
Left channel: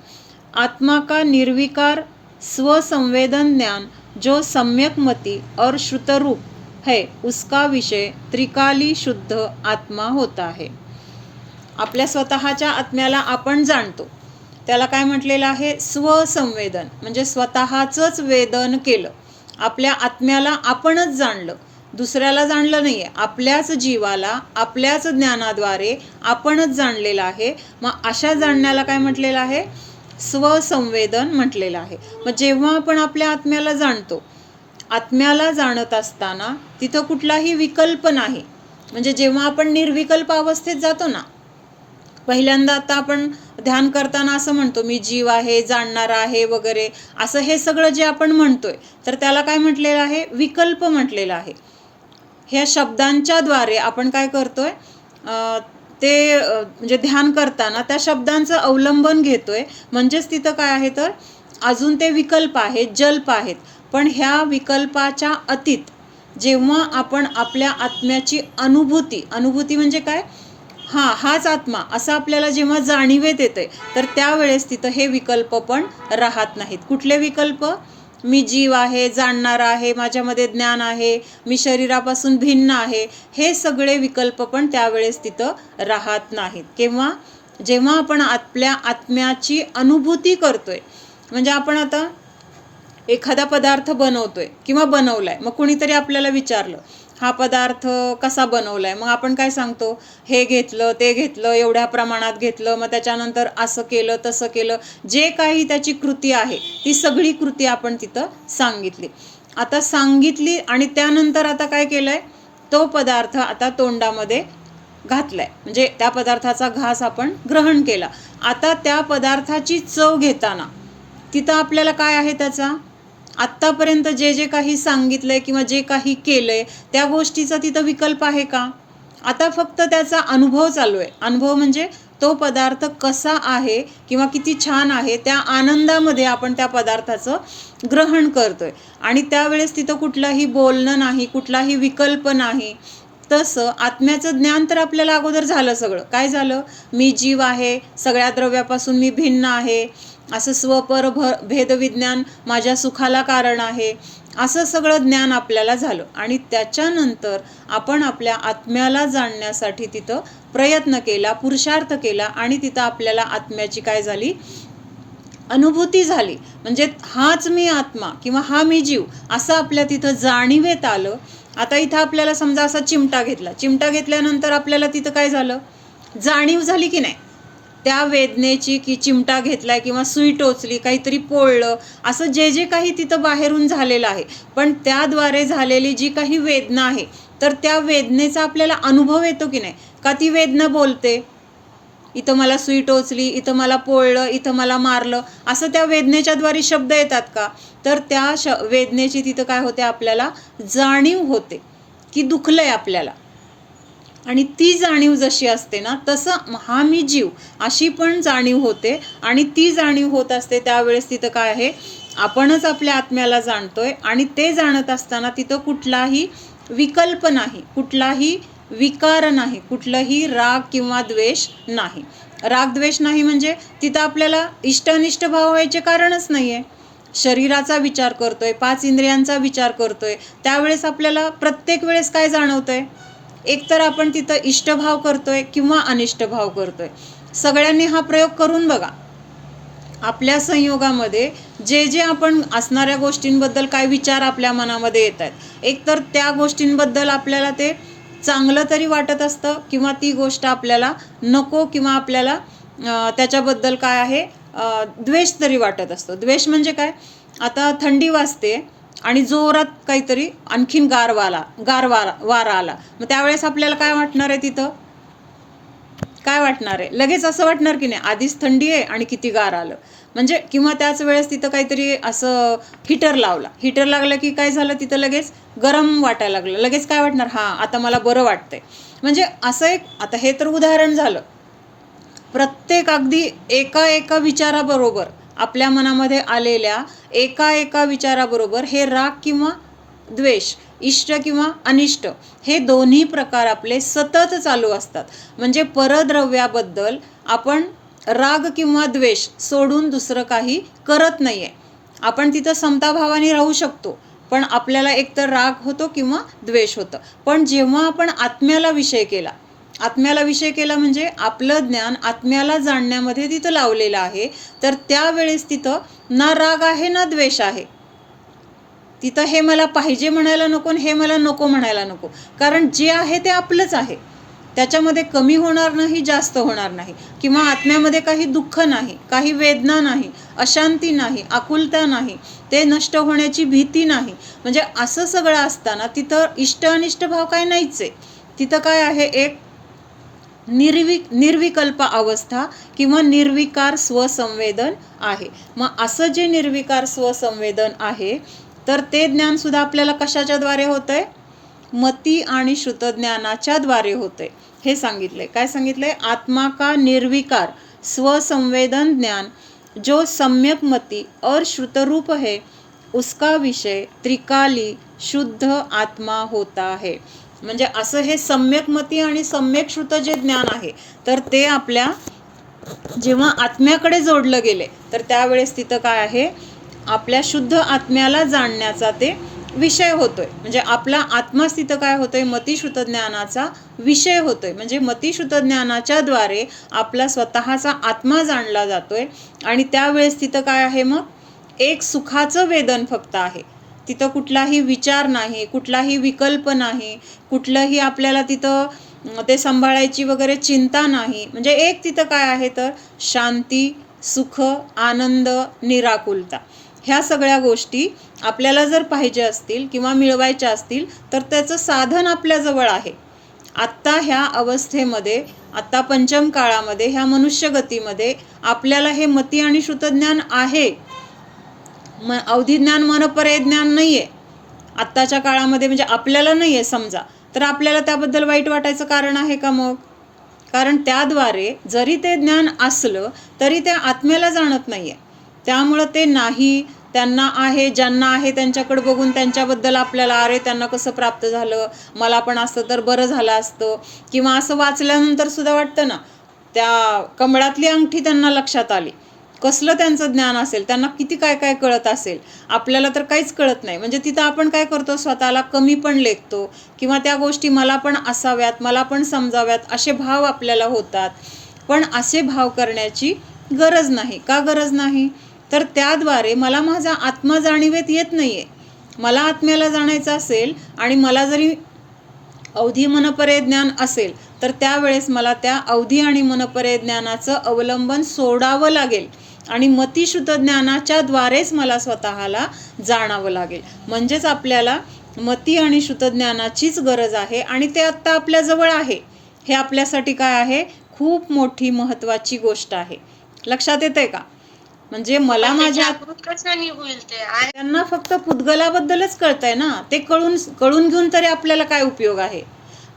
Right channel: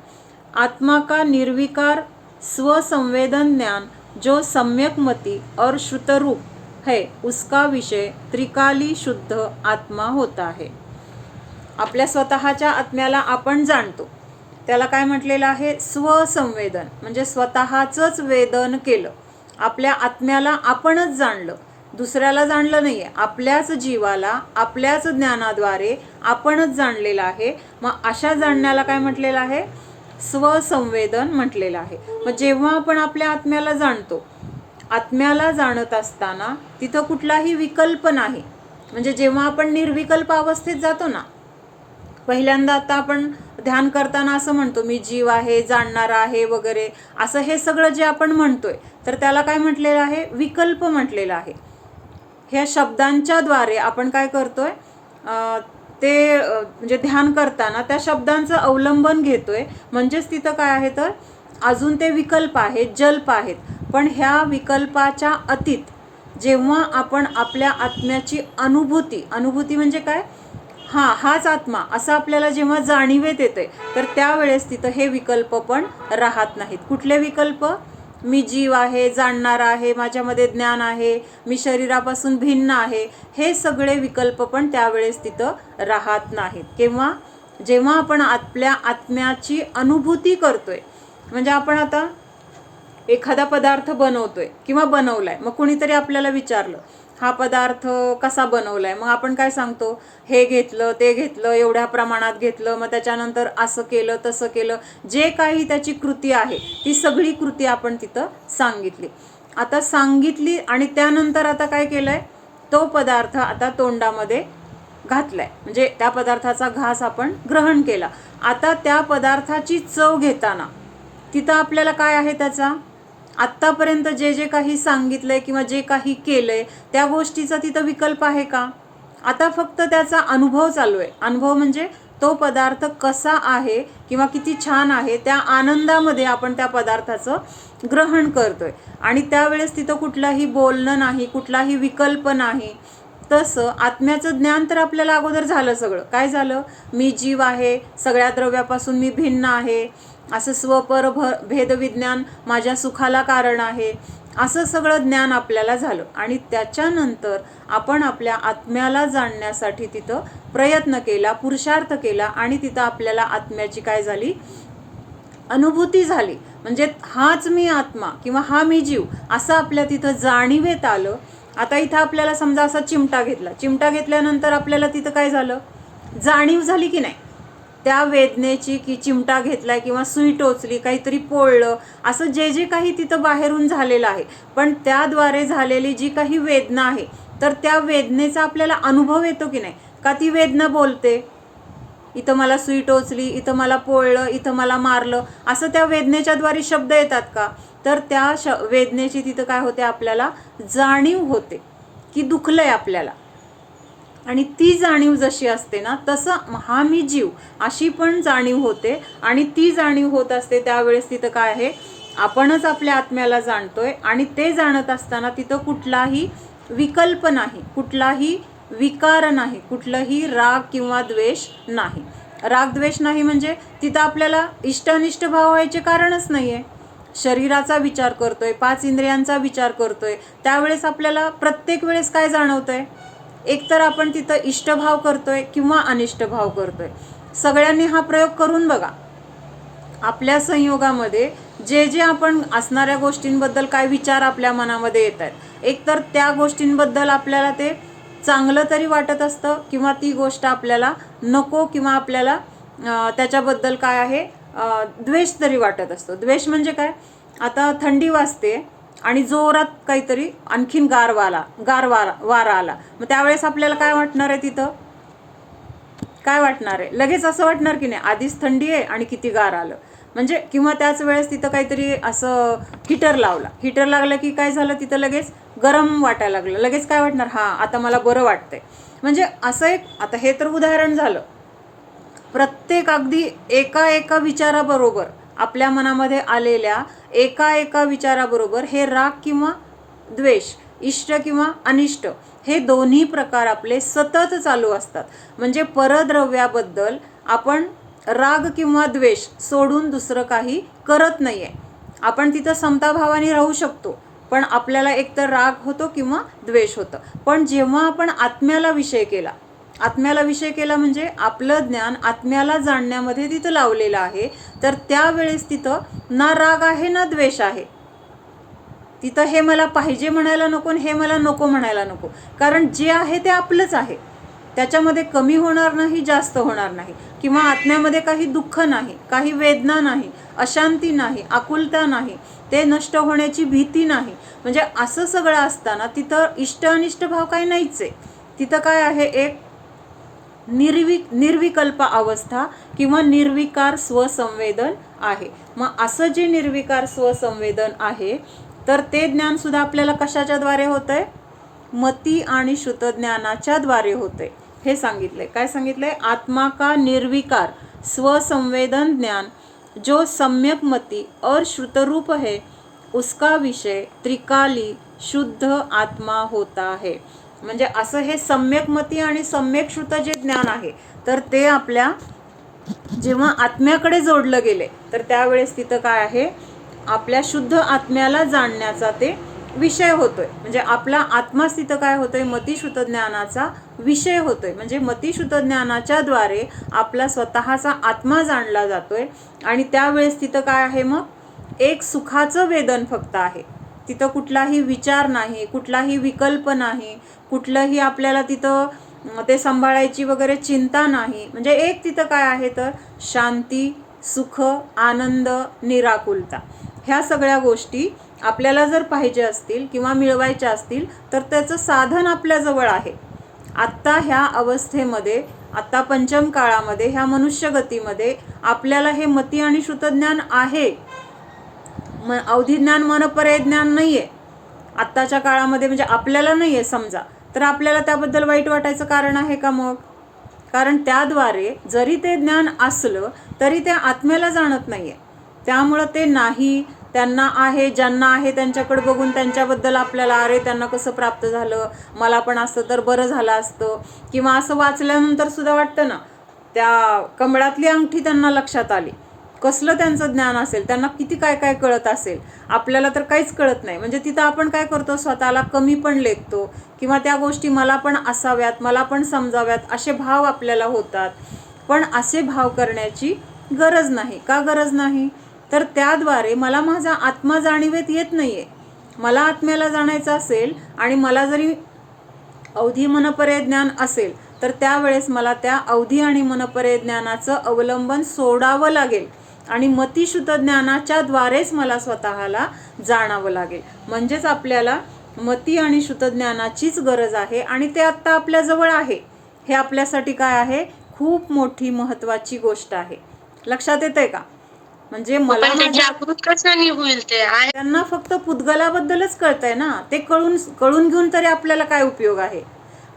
आत्मा का निर्विकार स्वसंवेदन ज्ञान जो सम्यक मति और श्रुतरूप है, उसका विषय त्रिकाली शुद्ध आत्मा होता है. आपल्या स्वतःच्या आत्म्याला आपण जाणतो, त्याला काय म्हटलेलं आहे? स्वसंवेदन, म्हणजे स्वतःचंच वेदन केलं. आपल्या आत्म्याला आपणच जाणलं, दुसऱ्याला जाणलं नाही आहे. आपल्याच जीवाला आपल्याच ज्ञानाद्वारे आपणच जाणलेलं आहे. मग अशा जाणण्याला काय म्हटलेलं आहे? स्वसंवेदन म्हटलेलं आहे. मग जेव्हा आपण आपल्या आत्म्याला जाणतो, आत्म्याला जाणत असताना तिथं कुठलाही विकल्प नाही. म्हणजे जेव्हा आपण निर्विकल्प अवस्थेत जातो ना, पहिल्यांदा आता आपण ध्यान करताना असं म्हणतो मी जीव आहे, जाणणारा आहे वगैरे, असं हे सगळं जे आपण म्हणतोय, तर त्याला काय म्हटलेलं आहे? विकल्प म्हटलेलं आहे. ह्या शब्दांच्या द्वारे आपण काय करतोय, ते म्हणजे ध्यान करताना त्या शब्दांचं अवलंबन घेतोय. म्हणजेच तिथं काय आहे, तर अजून ते विकल्प आहेत, जल्प आहेत. पण ह्या विकल्पाच्या अतीत जेव्हा आपण आपल्या आत्म्याची अनुभूती म्हणजे काय, हाच आत्मा असं आपल्याला जेव्हा जाणीवेत येते, तर त्यावेळेस तिथं हे विकल्प पण राहत नाहीत. कुठले विकल्प? मी जीव आहे, जाणणारा आहे, माझ्यामध्ये ज्ञान आहे, मी शरीरापासून भिन्न आहे, हे सगळे विकल्प पण त्यावेळेस तिथं राहत नाहीत. केव्हा? जेव्हा आपण आपल्या आत्म्याची अनुभूती करतोय. म्हणजे आपण आता एखादा पदार्थ बनवतोय किंवा बनवलाय, मग कुणीतरी आपल्याला विचारलं हा पदार्थ कसा बनवलाय, मग आपण काय सांगतो? हे घेतलं, ते घेतलं, एवढ्या प्रमाणात घेतलं, मग त्याच्यानंतर असं केलं, तसं केलं. जे काही त्याची कृती आहे ती सगळी कृती आपण तिथं सांगितली. आता सांगितली आणि त्यानंतर आता काय केलंय? तो पदार्थ आता तोंडामध्ये घातलाय, म्हणजे त्या पदार्थाचा घास आपण ग्रहण केला. आता त्या पदार्थाची चव घेताना तिथं आपल्याला काय आहे? त्याचा आत्तापर्यंत जे काही सांगितलंय किंवा जे काही केलंय त्या गोष्टीचा तिथं विकल्प आहे का? आता फक्त त्याचा अनुभव चालू आहे. अनुभव म्हणजे तो पदार्थ कसा आहे किंवा किती छान आहे, त्या आनंदामध्ये आपण त्या पदार्थाचं ग्रहण करतोय. आणि त्यावेळेस तिथं कुठलाही बोलणं नाही, कुठलाही विकल्प नाही. तसं आत्म्याचं ज्ञान तर आपल्याला अगोदर झालं सगळं. काय झालं? मी जीव आहे, सगळ्या द्रव्यापासून मी भिन्न आहे, असं स्वपर भेदविज्ञान माझ्या सुखाला कारण आहे, असं सगळं ज्ञान आपल्याला झालं. आणि त्याच्यानंतर आपण आपल्या आत्म्याला जाणण्यासाठी तिथं प्रयत्न केला, पुरुषार्थ केला, आणि तिथं आपल्याला आत्म्याची काय झाली? अनुभूती झाली. म्हणजे हाच मी आत्मा किंवा हा मी जीव असं आपल्या तिथं जाणीवेत आलं. आता इथं आपल्याला समजा असा चिमटा घेतला, चिमटा घेतल्यानंतर आपल्याला तिथं काय झालं? जाणीव झाली की नाही त्या वेदनेची, की चिमटा घेतलाय किंवा सुई टोचली, काहीतरी पोळलं, असं जे जे काही तिथं बाहेरून झालेलं आहे, पण त्याद्वारे झालेली जी काही वेदना आहे, तर त्या वेदनेचा आपल्याला अनुभव येतो की नाही? का ती वेदना बोलते? इथं मला सुई टोचली, इथं मला पोळलं, इथं मला मारलं, असं त्या वेदनेच्याद्वारे शब्द येतात का? तर त्या वेदनेची तिथं काय होते? आपल्याला जाणीव होते की दुखलंय आपल्याला. आणि ती जाणीव जशी असते ना, तसं हा मी जीव अशी पण जाणीव होते. आणि ती जाणीव होत असते त्यावेळेस तिथं काय आहे? आपणच आपल्या आत्म्याला जाणतोय. आणि ते जाणत असताना तिथं कुठलाही विकल्प नाही, कुठलाही विकार नाही, कुठलंही राग किंवा द्वेष नाही. राग द्वेष नाही म्हणजे तिथं आपल्याला इष्ट अनिष्ट भाव व्हायचे कारणच नाही आहे. शरीराचा विचार करतोय, 5 इंद्रियांचा विचार करतोय, त्यावेळेस आपल्याला प्रत्येक वेळेस काय जाणवतंय? एकतर आपण तिथं इष्टभाव करतोय किंवा अनिष्ट भाव करतोय. सगळ्यांनी हा प्रयोग करून बघा. आपल्या संयोगामध्ये जे जे आपण असणाऱ्या गोष्टींबद्दल काय विचार आपल्या मनामध्ये येत आहेत, एकतर त्या गोष्टींबद्दल आपल्याला ते चांगलं तरी वाटत असतं, किंवा ती गोष्ट आपल्याला नको, किंवा आपल्याला त्याच्याबद्दल काय आहे? द्वेष तरी वाटत असतो. द्वेष म्हणजे काय? आता थंडी वाजते आणि जोरात काहीतरी आणखीन वारा आला, मग त्यावेळेस आपल्याला काय वाटणार आहे? तिथं काय वाटणार आहे? लगेच असं वाटणार की नाही, आधीच थंडी आहे आणि किती गार आलं. म्हणजे किंवा त्याच वेळेस तिथं काहीतरी असं हिटर लागलं की काय झालं? तिथं लगेच गरम वाटायला लागलं. लगेच काय वाटणार? हां, आता मला बरं वाटतंय. म्हणजे असं एक, आता हे तर उदाहरण झालं. प्रत्येक अगदी एका विचाराबरोबर, आपल्या मनामध्ये आलेल्या एका विचाराबरोबर हे राग किंवा द्वेष, इष्ट किंवा अनिष्ट, हे दोन्ही प्रकार आपले सतत चालू असतात. म्हणजे परद्रव्याबद्दल आपण राग किंवा द्वेष सोडून दुसरं काही करत नाही आहे. आपण तिथं समताभावाने राहू शकतो, पण आपल्याला एकतर राग होतो किंवा द्वेष होतं. पण जेव्हा आपण आत्म्याला विषय केला म्हणजे आपलं ज्ञान आत्म्याला जाणण्यामध्ये तिथं लावलेलं आहे, तर त्यावेळेस तिथं ना राग आहे ना द्वेष आहे. तिथं हे मला पाहिजे म्हणायला नको आणि हे मला नको म्हणायला नको. कारण जे आहे ते आपलंच आहे. त्याच्यामध्ये कमी होणार नाही, जास्त होणार नाही, किंवा आत्म्यामध्ये काही दुःख नाही, काही वेदना नाही, अशांती नाही, आकुलता नाही, ते नष्ट होण्याची भीती नाही. म्हणजे असं सगळं असताना तिथं इष्ट अनिष्ट भाव काय नाहीच आहे. तिथं काय आहे? एक निर्विकल्प अवस्था किंवा निर्विकार स्वसंवेदन आहे. मग असं जे निर्विकार स्वसंवेदन आहे, तर ते ज्ञानसुद्धा आपल्याला कशाच्याद्वारे होतंय? मती आणि श्रुतज्ञानाच्या द्वारे होते. हे सांगितलंय. काय सांगितलंय? आत्मा का निर्विकार स्वसंवेदन ज्ञान जो सम्यक मती और श्रुतरूप है, उसका विषय त्रिकाली शुद्ध आत्मा होता है. म्हणजे असं हे सम्यक मती आणि सम्यक श्रुत जे ज्ञान आहे, तर ते आपल्या जेव्हा आत्म्याकडे जोडलं गेले, तर त्यावेळेस तिथं काय आहे? आपल्या शुद्ध आत्म्याला जाणण्याचा ते विषय होतोय. म्हणजे आपला आत्माच तिथं काय होतोय? मतिश्रुत ज्ञानाचा विषय होतोय. म्हणजे मतिश्रुत ज्ञानाच्या द्वारे आपला स्वतःचा आत्मा जाणला जातोय. आणि त्यावेळेस तिथं काय आहे? मग एक सुखाचं वेदन फक्त आहे. तिथं कुठलाही विचार नाही, कुठलाही विकल्प नाही, कुठलंही आपल्याला तिथं ते सांभाळायची वगैरे चिंता नाही. म्हणजे एक तिथं काय आहे? तर शांती, सुख, आनंद, निराकुलता. ह्या सगळ्या गोष्टी आपल्याला जर पाहिजे असतील किंवा मिळवायच्या असतील, तर त्याचं साधन आपल्याजवळ आहे. आत्ता ह्या अवस्थेमध्ये, आत्ता पंचम काळामध्ये, ह्या मनुष्यगतीमध्ये आपल्याला हे मती आणि श्रुतज्ञान आहे. अवधिज्ञान, मनपर्यय ज्ञान नाही आहे आत्ताच्या काळामध्ये. म्हणजे आपल्याला नाही आहे समजा, तर आपल्याला त्याबद्दल वाईट वाटायचं कारण आहे का मग? कारण त्याद्वारे जरी ते ज्ञान असलं तरी त्या आत्म्याला जाणत नाही आहे. त्यामुळं ते नाही, त्यांना आहे, ज्यांना आहे त्यांच्याकडे बघून त्यांच्याबद्दल आपल्याला अरे त्यांना कसं प्राप्त झालं, मला पण असतं तर बरं झालं असतं, किंवा असं वाचल्यानंतर सुद्धा वाटतं ना, त्या कमळातली अंगठी त्यांना लक्षात आली, कसलं त्यांचं ज्ञान असेल, त्यांना किती काय काय कळत असेल, आपल्याला तर काहीच कळत नाही. म्हणजे तिथं आपण काय करतो, स्वतःला कमी पण लेखतो, किंवा त्या गोष्टी मला पण असाव्यात, मला पण समजाव्यात असे भाव आपल्याला होतात. पण असे भाव करण्याची गरज नाही. का गरज नाही? तर त्याद्वारे मला माझा आत्मा जाणीवेत येत नाही आहे. मला आत्म्याला जाणायचं असेल आणि मला जरी अवधी मनपरे ज्ञान असेल तर त्यावेळेस मला त्या अवधी आणि मनपरे ज्ञानाचं अवलंबन सोडावं लागेल आणि मतिशुद्ध ज्ञानाच्या द्वारेच मला स्वतःला जाणावं लागेल. म्हणजेच आपल्याला मती आणि शुद्ध ज्ञानाचीच गरज आहे आणि ते आत्ता आपल्याजवळ आहे. हे आपल्यासाठी काय आहे, खूप मोठी महत्त्वाची गोष्ट आहे. लक्षात येतंय का? म्हणजे मला माझ्या त्यांना फक्त पुद्गलाबद्दलच कळतंय ना, ते कळून घेऊन तरी आपल्याला काय उपयोग आहे.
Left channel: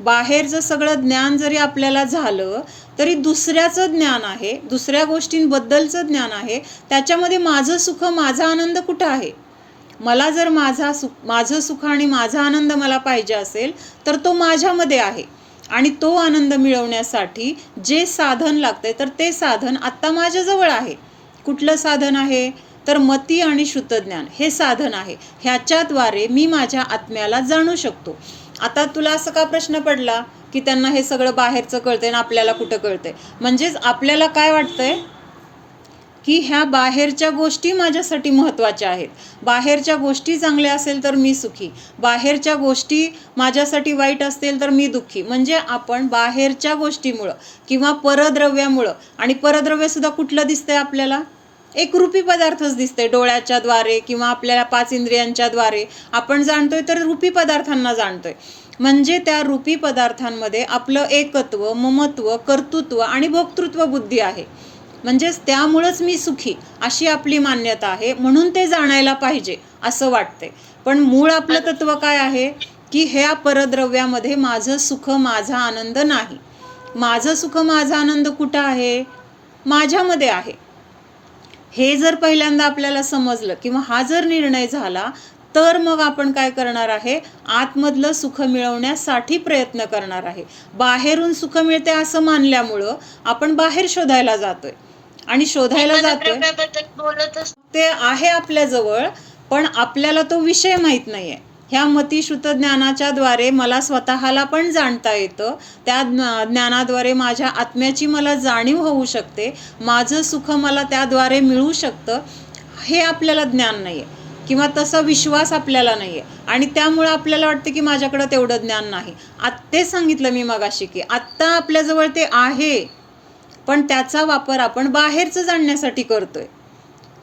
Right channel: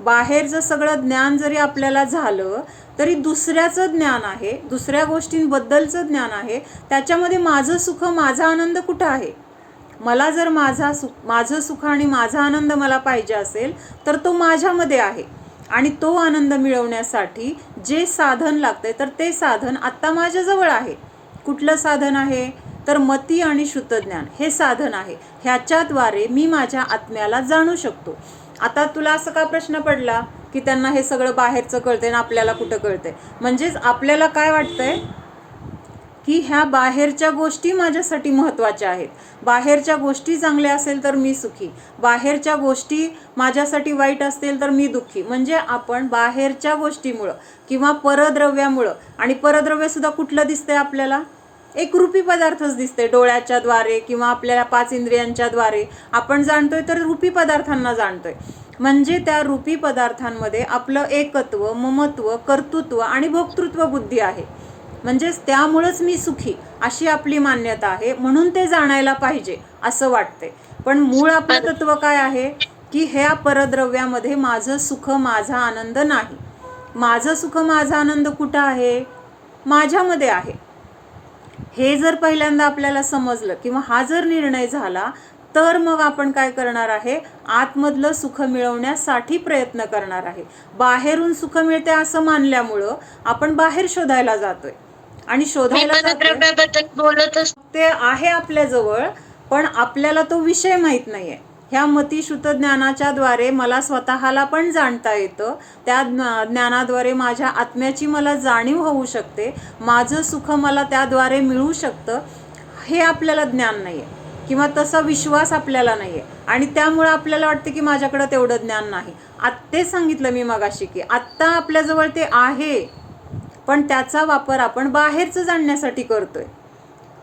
बाहेरचं सगळं ज्ञान जरी आपल्याला झालं तरी दुसऱ्याचं ज्ञान आहे, दुसऱ्या गोष्टींबद्दलचं ज्ञान आहे, त्याच्यामध्ये माझं सुख माझा आनंद कुठं आहे? मला जर माझं सुख आणि माझा आनंद मला पाहिजे असेल तर तो माझ्यामध्ये आहे आणि तो आनंद मिळवण्यासाठी जे साधन लागते तर ते साधन आत्ता माझ्याजवळ आहे. कुठलं साधन आहे? तर मती आणि शुद्ध ज्ञान हे साधन आहे. ह्याच्याद्वारे मी माझ्या आत्म्याला जाणू शकतो. आता तुला असं का प्रश्न पडला की त्यांना हे सगळं बाहेरचं कळतंय ना आपल्याला कुठं कळतंय? म्हणजेच आपल्याला काय वाटतंय की ह्या बाहेरच्या गोष्टी माझ्यासाठी महत्त्वाच्या आहेत. बाहेरच्या गोष्टी चांगल्या असेल तर मी सुखी, बाहेरच्या गोष्टी माझ्यासाठी वाईट असतील तर मी दुःखी. म्हणजे आपण बाहेरच्या गोष्टीमुळं किंवा परद्रव्यामुळं, आणि परद्रव्यसुद्धा कुठलं दिसतंय आपल्याला? एक रूपी पदार्थच दिसते. डोळ्याच्या द्वारे किंवा आपल्याला 5 इंद्रियांच्या द्वारे आपण जाणतोय तर रूपी पदार्थांना जाणतोय. म्हणजे त्या रूपी पदार्थांमध्ये आपलं एकत्व, ममत्व, कर्तृत्व आणि भोक्तृत्व बुद्धी आहे. म्हणजेच त्यामुळंच मी सुखी अशी आपली मान्यता आहे, म्हणून ते जाणायला पाहिजे असं वाटते. पण मूळ आपलं तत्व काय आहे की ह्या परद्रव्यामध्ये माझं सुख माझा आनंद नाही. माझं सुख माझा आनंद कुठं आहे? माझ्यामध्ये आहे. हे जर पहिल्यांदा आपल्याला समजलं किंवा हा जर निर्णय झाला तर मग आपण काय करणार आहे, आतमधलं सुख मिळवण्यासाठी प्रयत्न करणार आहे. बाहेरून सुख मिळते असं मानल्यामुळं आपण बाहेर शोधायला जातोय आणि शोधायला जातोय ते आहे आपल्याजवळ, पण आपल्याला तो विषय माहीत नाहीये. ह्या मतिशुद्ध ज्ञानाच्या द्वारे मला स्वतःला पण जाणता येतं, त्या ज्ञानाद्वारे माझ्या आत्म्याची मला जाणीव होऊ शकते, माझं सुख मला त्याद्वारे मिळू शकतं. हे आपल्याला ज्ञान नाही आहे किंवा तसा विश्वास आपल्याला नाही आहे आणि त्यामुळे आपल्याला वाटतं की माझ्याकडं तेवढं ज्ञान नाही. ते सांगितलं मी मगाशी की आत्ता आपल्याजवळ ते आहे, पण त्याचा वापर आपण बाहेरचं जाणण्यासाठी करतोय.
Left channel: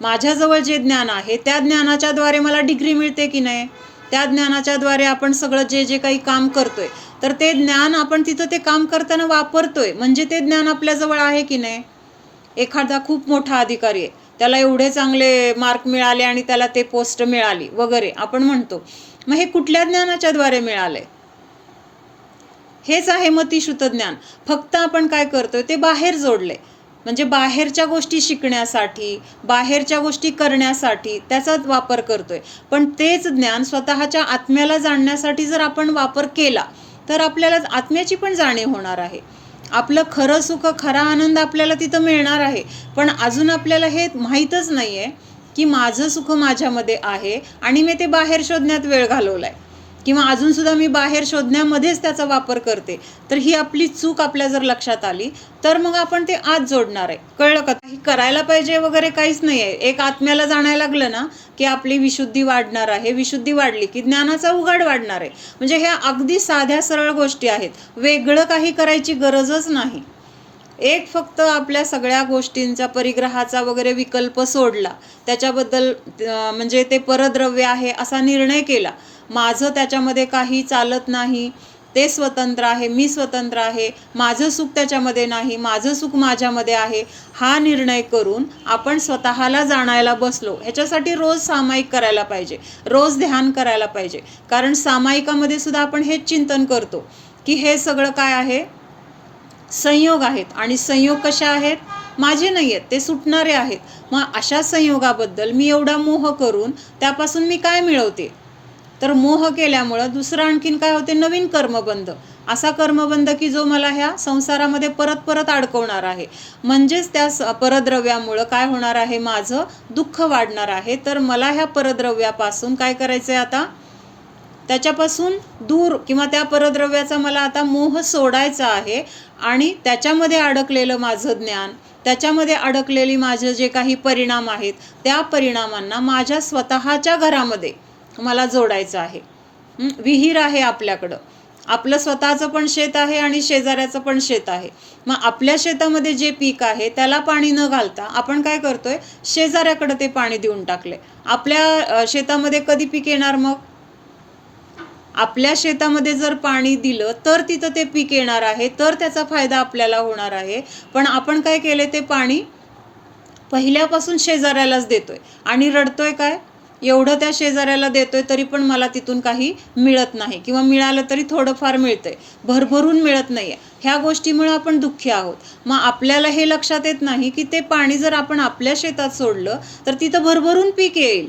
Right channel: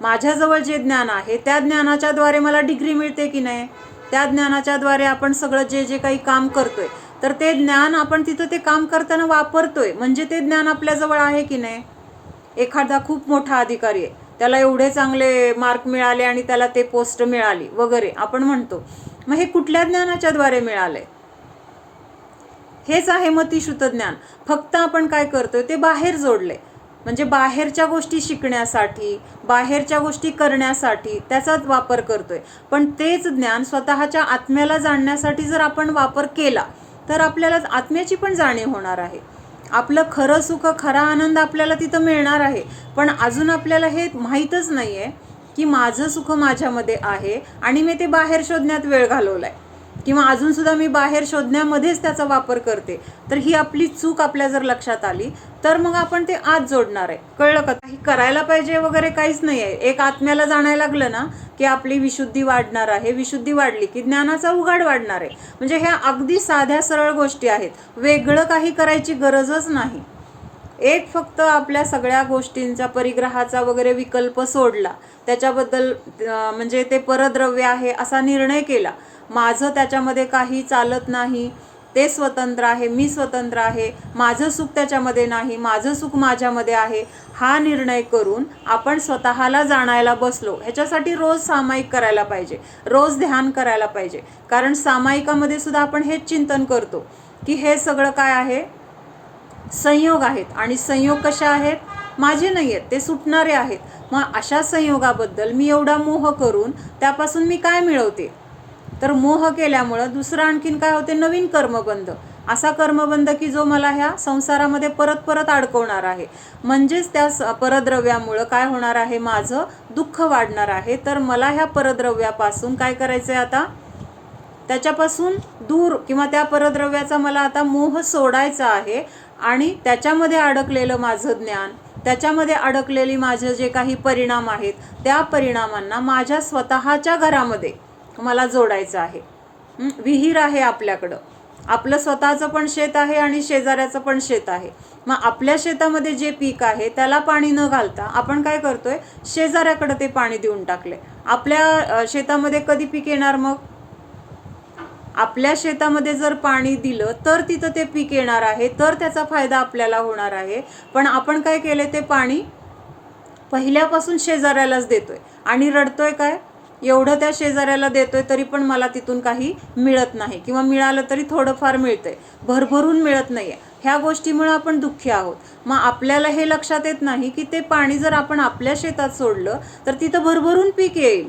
माझ्याजवळ जे ज्ञान आहे त्या ज्ञानाच्या द्वारे मला डिग्री मिळते की नाही, त्या ज्ञानाच्या द्वारे आपण सगळं जे काही काम करतोय तर ते ज्ञान आपण तिथं ते काम करताना वापरतोय, म्हणजे ते ज्ञान आपल्याजवळ आहे की नाही. एखादा खूप मोठा अधिकारी आहे, त्याला एवढे चांगले मार्क मिळाले आणि त्याला ते पोस्ट मिळाली वगैरे आपण म्हणतो, मग हे कुठल्या ज्ञानाच्या द्वारे मिळालंय? हेच आहे मतिशुद्ध ज्ञान. फक्त आपण काय करतोय ते बाहेर जोडले, म्हणजे बाहेरच्या गोष्टी शिकण्यासाठी, बाहेरच्या गोष्टी करण्यासाठी त्याचा वापर करतोय. पण तेच ज्ञान स्वतःच्या आत्म्याला जाणण्यासाठी जर आपण वापर केला तर आपल्याला आत्म्याची पण जाणीव होणार आहे. आपलं खरं सुख, खरा आनंद आपल्याला तिथं मिळणार आहे. पण अजून आपल्याला हे माहीतच नाही आहे की माझं सुख माझ्यामध्ये आहे आणि मी ते बाहेर शोधण्यात वेळ घालवला आहे किंवा अजूनसुद्धा मी बाहेर शोधण्यामध्येच त्याचा वापर करते. तर ही आपली चूक आपल्या जर लक्षात आली तर मग आपण ते आत जोडणार आहे. कळलं का? काही करायला पाहिजे वगैरे काहीच नाही आहे. एक आत्म्याला जाणायला लागलं ना की आपली विशुद्धी वाढणार आहे. विशुद्धी वाढली की ज्ञानाचा उघाड वाढणार आहे. म्हणजे ह्या अगदी साध्या सरळ गोष्टी आहेत. वेगळं काही करायची गरजच नाही. एक फक्त आपल्या सगळ्या गोष्टींचा, परिग्रहाचा वगैरे विकल्प सोडला, त्याच्याबद्दल म्हणजे ते परद्रव्य आहे असा निर्णय केला, माझं त्याच्यामध्ये काही चालत नाही, ते स्वतंत्र आहे, मी स्वतंत्र आहे, माझं सुख त्याच्यामध्ये नाही, माझं सुख माझ्यामध्ये आहे, हा निर्णय करून आपण स्वतःला जाणायला बसलो. ह्याच्यासाठी रोज सामायिक करायला पाहिजे, रोज ध्यान करायला पाहिजे. कारण सामायिकामध्ये सुद्धा आपण हेच चिंतन करतो की हे सगळं काय आहे, संयोग आहेत. आणि संयोग कशा आहेत? माझे नाही आहेत, ते सुटणारे आहेत. मग अशा संयोगाबद्दल मी एवढा मोह करून त्यापासून मी काय मिळवते? तर मोह केल्यामुळं दुसरं आणखीन काय होते? नवीन कर्मबंध. असा कर्मबंध की जो मला ह्या संसारामध्ये परत परत अडकवणार आहे. म्हणजेच त्या परद्रव्यामुळं काय होणार आहे? माझं दुःख वाढणार आहे. तर मला ह्या परद्रव्यापासून काय करायचं आहे आता? त्याच्यापासून दूर किंवा त्या परद्रव्याचा मला आता मोह सोडायचा आहे. आणि त्याच्यामध्ये अडकलेलं माझं ज्ञान, त्याच्यामध्ये अडकलेली माझे जे काही परिणाम आहेत, त्या परिणामांना माझ्या स्वतःच्या घरामध्ये मला जोडायचं आहे. विहीर आहे आपल्याकडं, आपलं स्वतःचं पण शेत आहे आणि शेजाऱ्याचं पण शेत आहे. मग आपल्या शेतामध्ये जे पीक आहे त्याला पाणी न घालता आपण काय करतोय? शेजाऱ्याकडे ते पाणी देऊन टाकले. आपल्या शेतामध्ये कधी पीक येणार? मग आपल्या शेतामध्ये जर पाणी दिलं तर तिथं ते पीक येणार आहे, तर त्याचा फायदा आपल्याला होणार आहे. पण आपण काय केले? ते पाणी पहिल्यापासून शेजाऱ्यालाच देतोय आणि रडतोय काय? एवढं त्या शेजाऱ्याला देतोय तरी पण मला तिथून काही मिळत नाही, किंवा मिळालं तरी थोडंफार मिळतंय, भरभरून मिळत नाही आहे. ह्या गोष्टीमुळे आपण दुःखी आहोत. मग आपल्याला हे लक्षात येत नाही की ते पाणी जर आपण आपल्या शेतात सोडलं तर तिथं भरभरून पीक येईल.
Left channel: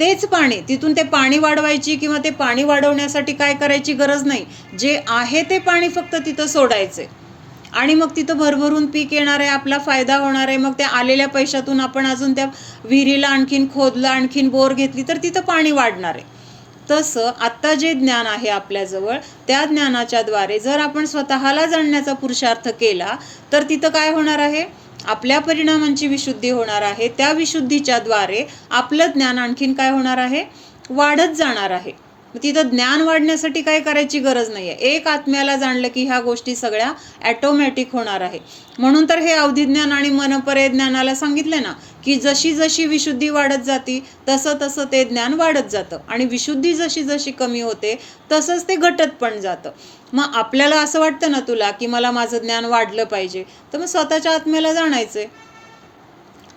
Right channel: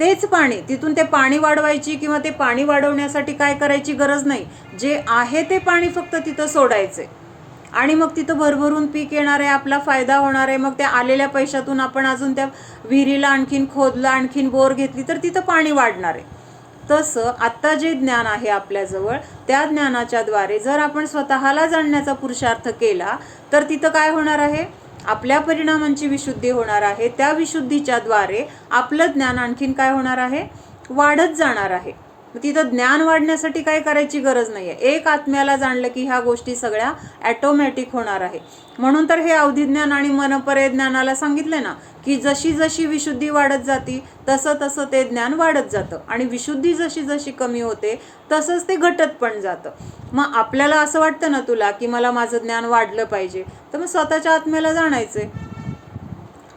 तेच पाणी, तिथून ते पाणी वाढवायची किंवा ते पाणी वाढवण्यासाठी काय करायची गरज नाही. जे आहे ते पाणी फक्त तिथं सोडायचे आणि मग तिथं भरभरून पीक येणार आहे, आपला फायदा होणार आहे. मग त्या आलेल्या पैशातून आपण अजून त्या विहिरीला आणखीन खोदलं, आणखीन बोर घेतली तर तिथं पाणी वाढणार आहे. तसं आत्ता जे ज्ञान आहे आपल्याजवळ, त्या ज्ञानाच्या द्वारे जर आपण स्वतःला जाणण्याचा पुरुषार्थ केला तर तिथं काय होणार आहे? आपल्या परिणामांची विशुद्धी होणार आहे. त्या विशुद्धीच्या द्वारे आपलं ज्ञान आणखीन काय होणार आहे? वाढत जाणार आहे. तिथं ज्ञान वाढण्यासाठी काय करायची गरज नाही आहे. एक आत्म्याला जाणलं की ह्या गोष्टी सगळ्या ॲटोमॅटिक होणार आहे. म्हणून तर हे अवधिज्ञान आणि मनपर्य ज्ञानाला सांगितलं ना की जशी जशी विशुद्धी वाढत जाती तसं तसं ते ज्ञान वाढत जातं, आणि विशुद्धी जशी जशी कमी होते तसंच ते घटत पण जातं. मग आपल्याला असं वाटतं ना तुला की मला माझं ज्ञान वाढलं पाहिजे, तर मग स्वतःच्या आत्म्याला जाणायचे.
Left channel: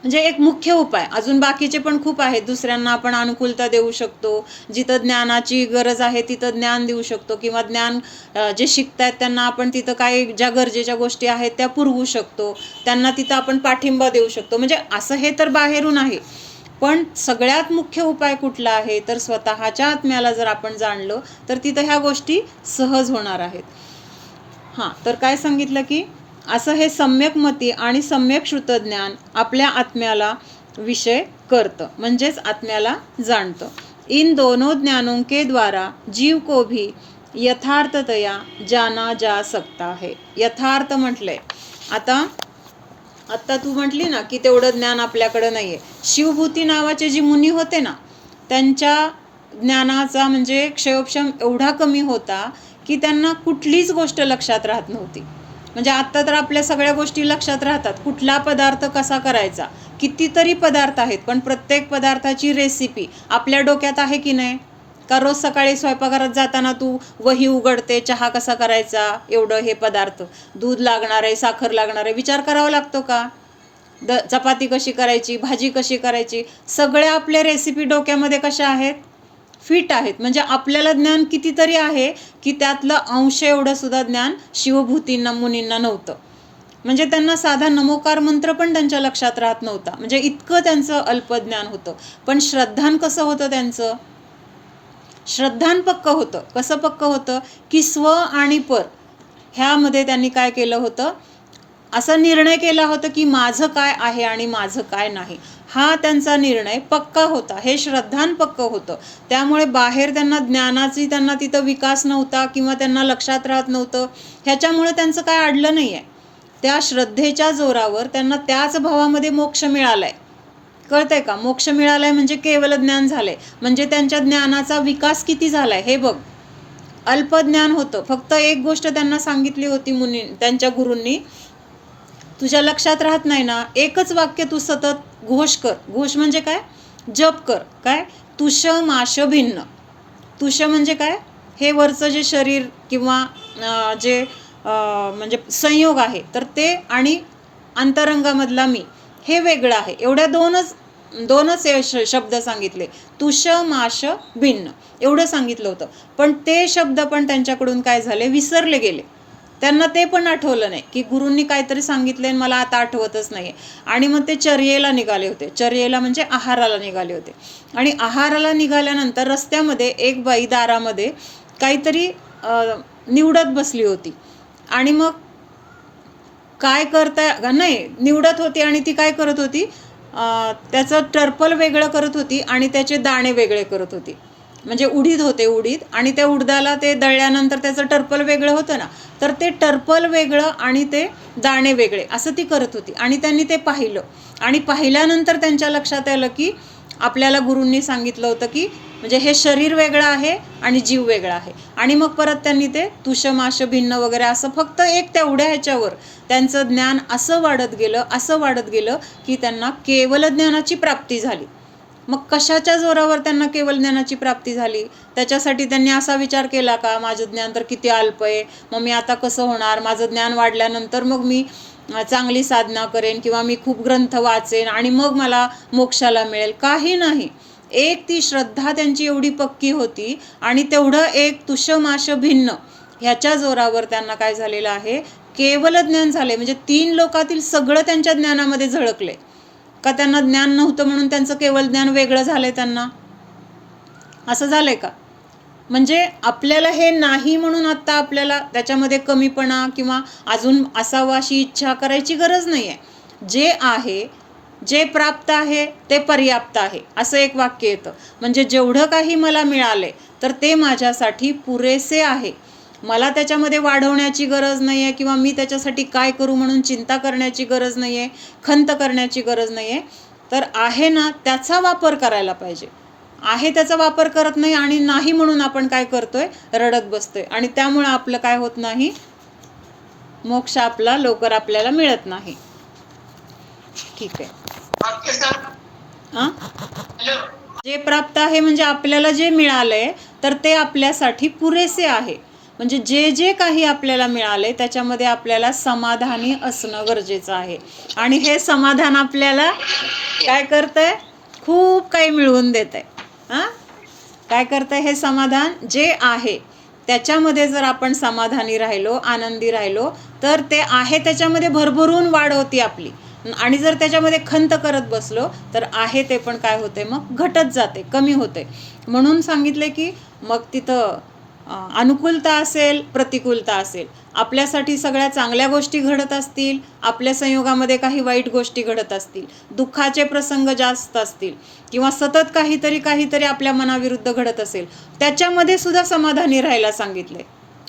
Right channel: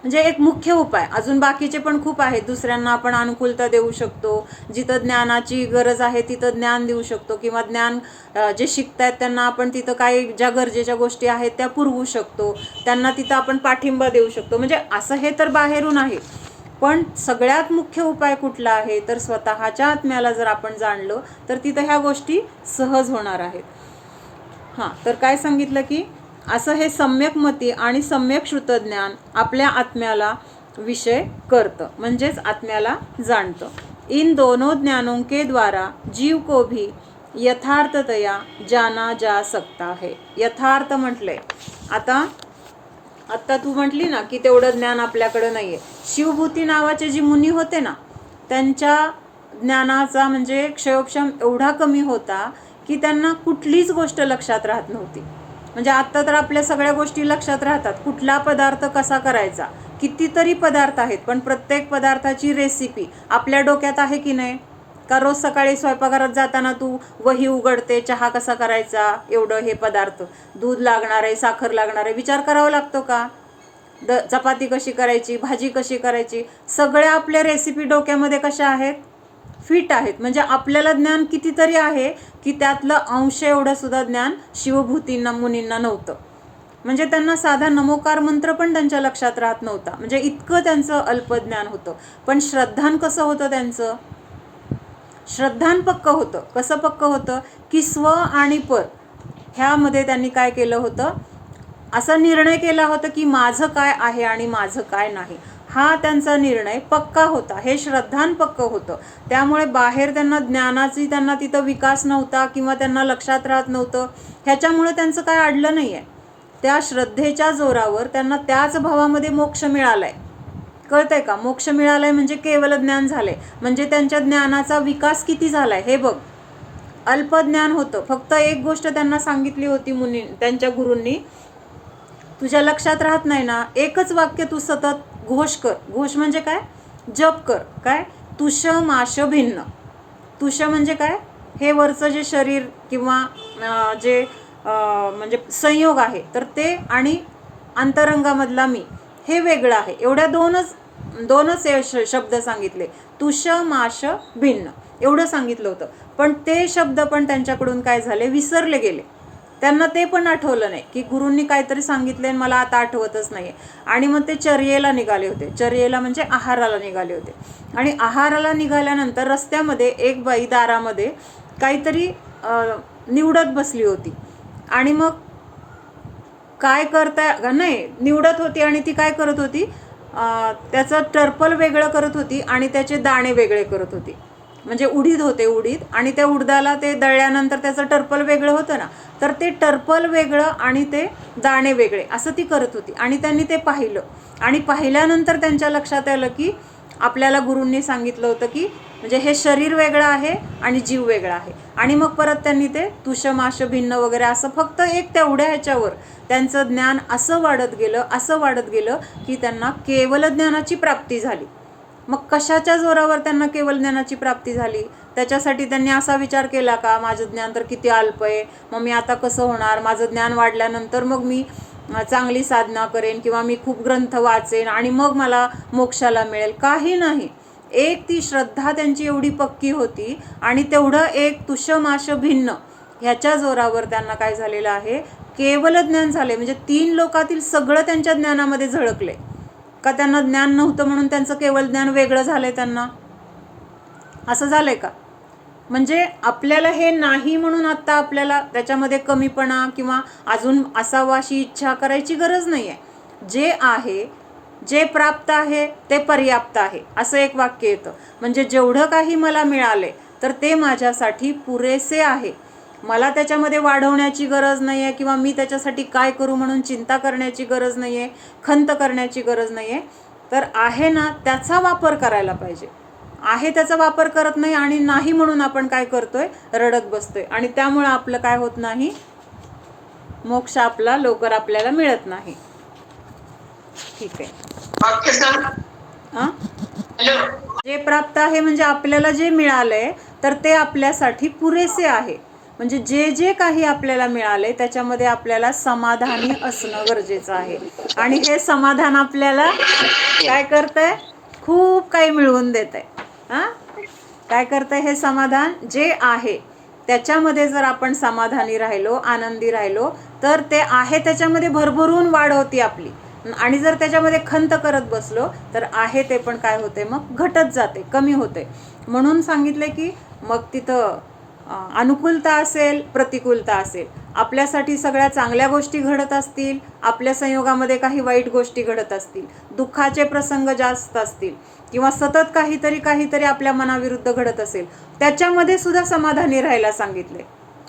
म्हणजे एक मुख्य उपाय. अजून बाकीचे पण खूप आहेत. दुसऱ्यांना आपण अनुकूलता देऊ शकतो, जिथं ज्ञानाची गरज आहे तिथं ज्ञान देऊ शकतो, किंवा ज्ञान जे शिकतायत त्यांना आपण तिथं काही ज्या गरजेच्या गोष्टी आहेत त्या पुरवू शकतो, त्यांना तिथं आपण पाठिंबा देऊ शकतो. म्हणजे असं हे तर बाहेरून आहे, पण सगळ्यात मुख्य उपाय कुठला आहे? तर स्वतःच्या आत्म्याला जर आपण जाणलं तर तिथं ह्या गोष्टी सहज होणार आहेत. हां, तर काय सांगितलं की असं हे सम्यक मती आणि सम्यक श्रुतज्ञान आपल्या आत्म्याला विषय करतं, म्हणजेच आत्म्याला जाणतं. इन दोनों ज्ञानों के द्वारा जीव को भी यथार्थतया जाना जा सकता है. यथार्थ म्हटलंय. आता तू म्हटली ना की तेवढं ज्ञान आपल्याकडे नाहीये. शिवभूती नावाचे जी मुनी होते ना, त्यांच्या ज्ञानाचा म्हणजे क्षयोक्षम एवढा कमी होता की त्यांना कुठलीच गोष्ट लक्षात राहत नव्हती. म्हणजे आत्ता तर आपल्या सगळ्या गोष्टी लक्षात राहतात. कुठला पदार्थ कसा करायचा, कितीतरी पदार्थ आहेत, पण प्रत्येक पदार्थाची रेसिपी आपल्या डोक्यात आहे की नाही? का रोज सकाळी स्वयंपाकघरात जाताना तू वही उघडते, चहा कसा करायचा, एवढं हे पदार्थ, दूध लागणार आहे, साखर लागणार आहे, विचार करावा लागतो का? चपाती कशी करायची, भाजी कशी करायची, सगळ्या आपल्या रेसिपी डोक्यामध्ये कशा आहेत? फिट आहेत. म्हणजे आपल्याला ज्ञान कितीतरी आहे की त्यातलं अंश एवढं सुद्धा ज्ञान शिवभूतींना मुनींना नव्हतं. म्हणजे त्यांना साधा नमोकार मंत्र पण त्यांच्या लक्षात राहत नव्हता. म्हणजे इतकं त्यांचं अल्पज्ञान होतं. पण श्रद्धान कसं होतं त्यांचं? श्रद्धान पक्क होतं. कसं पक्क होतं की स्व आणि पर ह्यामध्ये त्यांनी काय केलं होतं? असा निर्णय केला होता की माझं काय आहे आणि माझं काय नाही, हा त्यांचा निर्णय पक्का होता. हे श्रद्धान पक्क होतं. त्यामुळे बाहेर त्यांना त्यांना तिथं विकास नव्हता किंवा त्यांना लक्षात राहत नव्हतं. ह्याच्यामुळे त्यांचं काय अडलं नाही आहे. त्या श्रद्धेच्या जोरावर त्यांना त्याच भावामध्ये मोक्ष मिळालाय. कळतंय का? मोक्ष मिळालाय म्हणजे केवळ ज्ञान झालंय. म्हणजे त्यांच्या ज्ञानाचा विकास किती झालाय हे बघ. अल्पज्ञान होतं. फक्त एक गोष्ट त्यांना सांगितली होती मुनी, त्यांच्या गुरूंनी, तुझ्या लक्षात राहत नाही ना, एकच वाक्य तू सतत घोष कर. घोष म्हणजे काय? जप कर. काय? तुष माश भिन्न. तुष म्हणजे काय? हे वरचं जे शरीर किंवा जे म्हणजे संयोग आहे तर ते, आणि अंतरंगामधला मी, हे वेगळं आहे. एवढ्या दोनच शब्द सांगितले. तुष माश भिन्न एवढं सांगितलं होतं. पण ते शब्द पण त्यांच्याकडून काय झाले? विसरले गेले. त्यांना ते पण आठवलं नाही की गुरूंनी काहीतरी सांगितलं आणि मला आता आठवतच नाही. आणि मग ते चर्येला निघाले होते. चर्येला म्हणजे आहाराला निघाले होते. आणि आहाराला निघाल्यानंतर रस्त्यामध्ये एक बाई दारामध्ये काहीतरी निवडत बसली होती. आणि मग काय करता नाही निवडत होती आणि ती काय करत होती, त्याचं टर्पल वेगळं करत होती आणि त्याचे दाणे वेगळे करत होती. म्हणजे उडीद होते, उडीद, आणि त्या उडदाला ते दळल्यानंतर त्याचं टर्पल वेगळं होतं ना, तर ते टर्पल वेगळं आणि ते दाणे वेगळे असं ती करत होती. आणि त्यांनी ते पाहिलं आणि पाहिल्यानंतर त्यांच्या लक्षात आलं की आपल्याला गुरूंनी सांगितलं होतं की म्हणजे हे शरीर वेगळं आहे आणि जीव वेगळा आहे. आणि मग परत त्यांनी ते तुष माश भिन्न वगैरे असं फक्त एक तेवढ्या ह्याच्यावर त्यांचं ज्ञान असं वाढत गेलं की त्यांना केवल ज्ञानाची प्राप्ती झाली. मग कशाच्या जोरावर त्यांना केवल ज्ञानाची प्राप्ती झाली? त्याच्यासाठी त्यांनी असा विचार केला का, माझं ज्ञान तर किती अल्प आहे, मग मी आता कसं होणार, माझं ज्ञान वाढल्यानंतर मग मी चांगली साधना करेन किंवा मी खूप ग्रंथ वाचेन आणि मग मला मोक्षाला मिळेल? काही नाही. एक ती श्रद्धा त्यांची एवढी पक्की होती आणि तेवढं एक तुषमाश भिन्न ह्याच्या जोरावर त्यांना काय झालेलं आहे, केवल ज्ञान झाले. म्हणजे 3 लोकातील सगळं त्यांच्या ज्ञानामध्ये झळकले. का त्यांना ज्ञान नव्हतं म्हणून त्यांचं केवल ज्ञान वेगळं झालंय त्यांना? असं झालंय का? म्हणजे आपल्याला हे नाही म्हणून आता आपल्याला त्याच्यामध्ये कमीपणा किंवा अजून असावं अशी इच्छा करायची गरज नाही आहे. जे आहे, जे प्राप्त आहे ते पर्याप्त आहे असं एक वाक्य येतं. म्हणजे जेवढं काही मला मिळाले तर ते माझ्यासाठी पुरेसे आहे. मला त्याच्यामध्ये वाढवण्याची गरज नाही आहे किंवा मी त्याच्यासाठी काय करू म्हणून चिंता करण्याची गरज नाही आहे, खंत करण्याची गरज नाही आहे. तर आहे ना त्याचा वापर करायला पाहिजे. आहे त्याचा वापर करत नाही आणि नाही म्हणून आपण काय करतोय, रडत बसतोय. आणि त्यामुळे आपलं काय होत नाही, मोक्ष आपला लवकर आपल्याला मिळत नाही. ठीक आहे. जे प्राप्त आहे म्हणजे आपल्याला जे मिळालंय तर ते आपल्यासाठी पुरेसे आहे. म्हणजे जे जे काही आपल्याला मिळाले त्याच्यामध्ये आपल्याला समाधानी असणं गरजेचं आहे. आणि हे समाधान आपल्याला काय करतंय, खूप काही मिळवून देतंय. काय करतंय हे समाधान? जे आहे त्याच्यामध्ये जर आपण समाधानी राहिलो, आनंदी राहिलो तर ते आहे त्याच्यामध्ये भरभरून वाढ होती आपली. आणि जर त्याच्यामध्ये खंत करत बसलो तर आहे ते पण काय होते, मग घटत जाते, कमी होते. म्हणून सांगितले की मग तिथं अनुकूलता असेल, प्रतिकूलता असेल, आपल्यासाठी सगळ्या चांगल्या गोष्टी घडत असतील, आपल्या संयोगामध्ये काही वाईट गोष्टी घडत असतील, दुःखाचे प्रसंग जास्त असतील किंवा सतत काहीतरी आपल्या मनाविरुद्ध घडत असेल, त्याच्यामध्ये सुद्धा समाधानी राहायला सांगितले.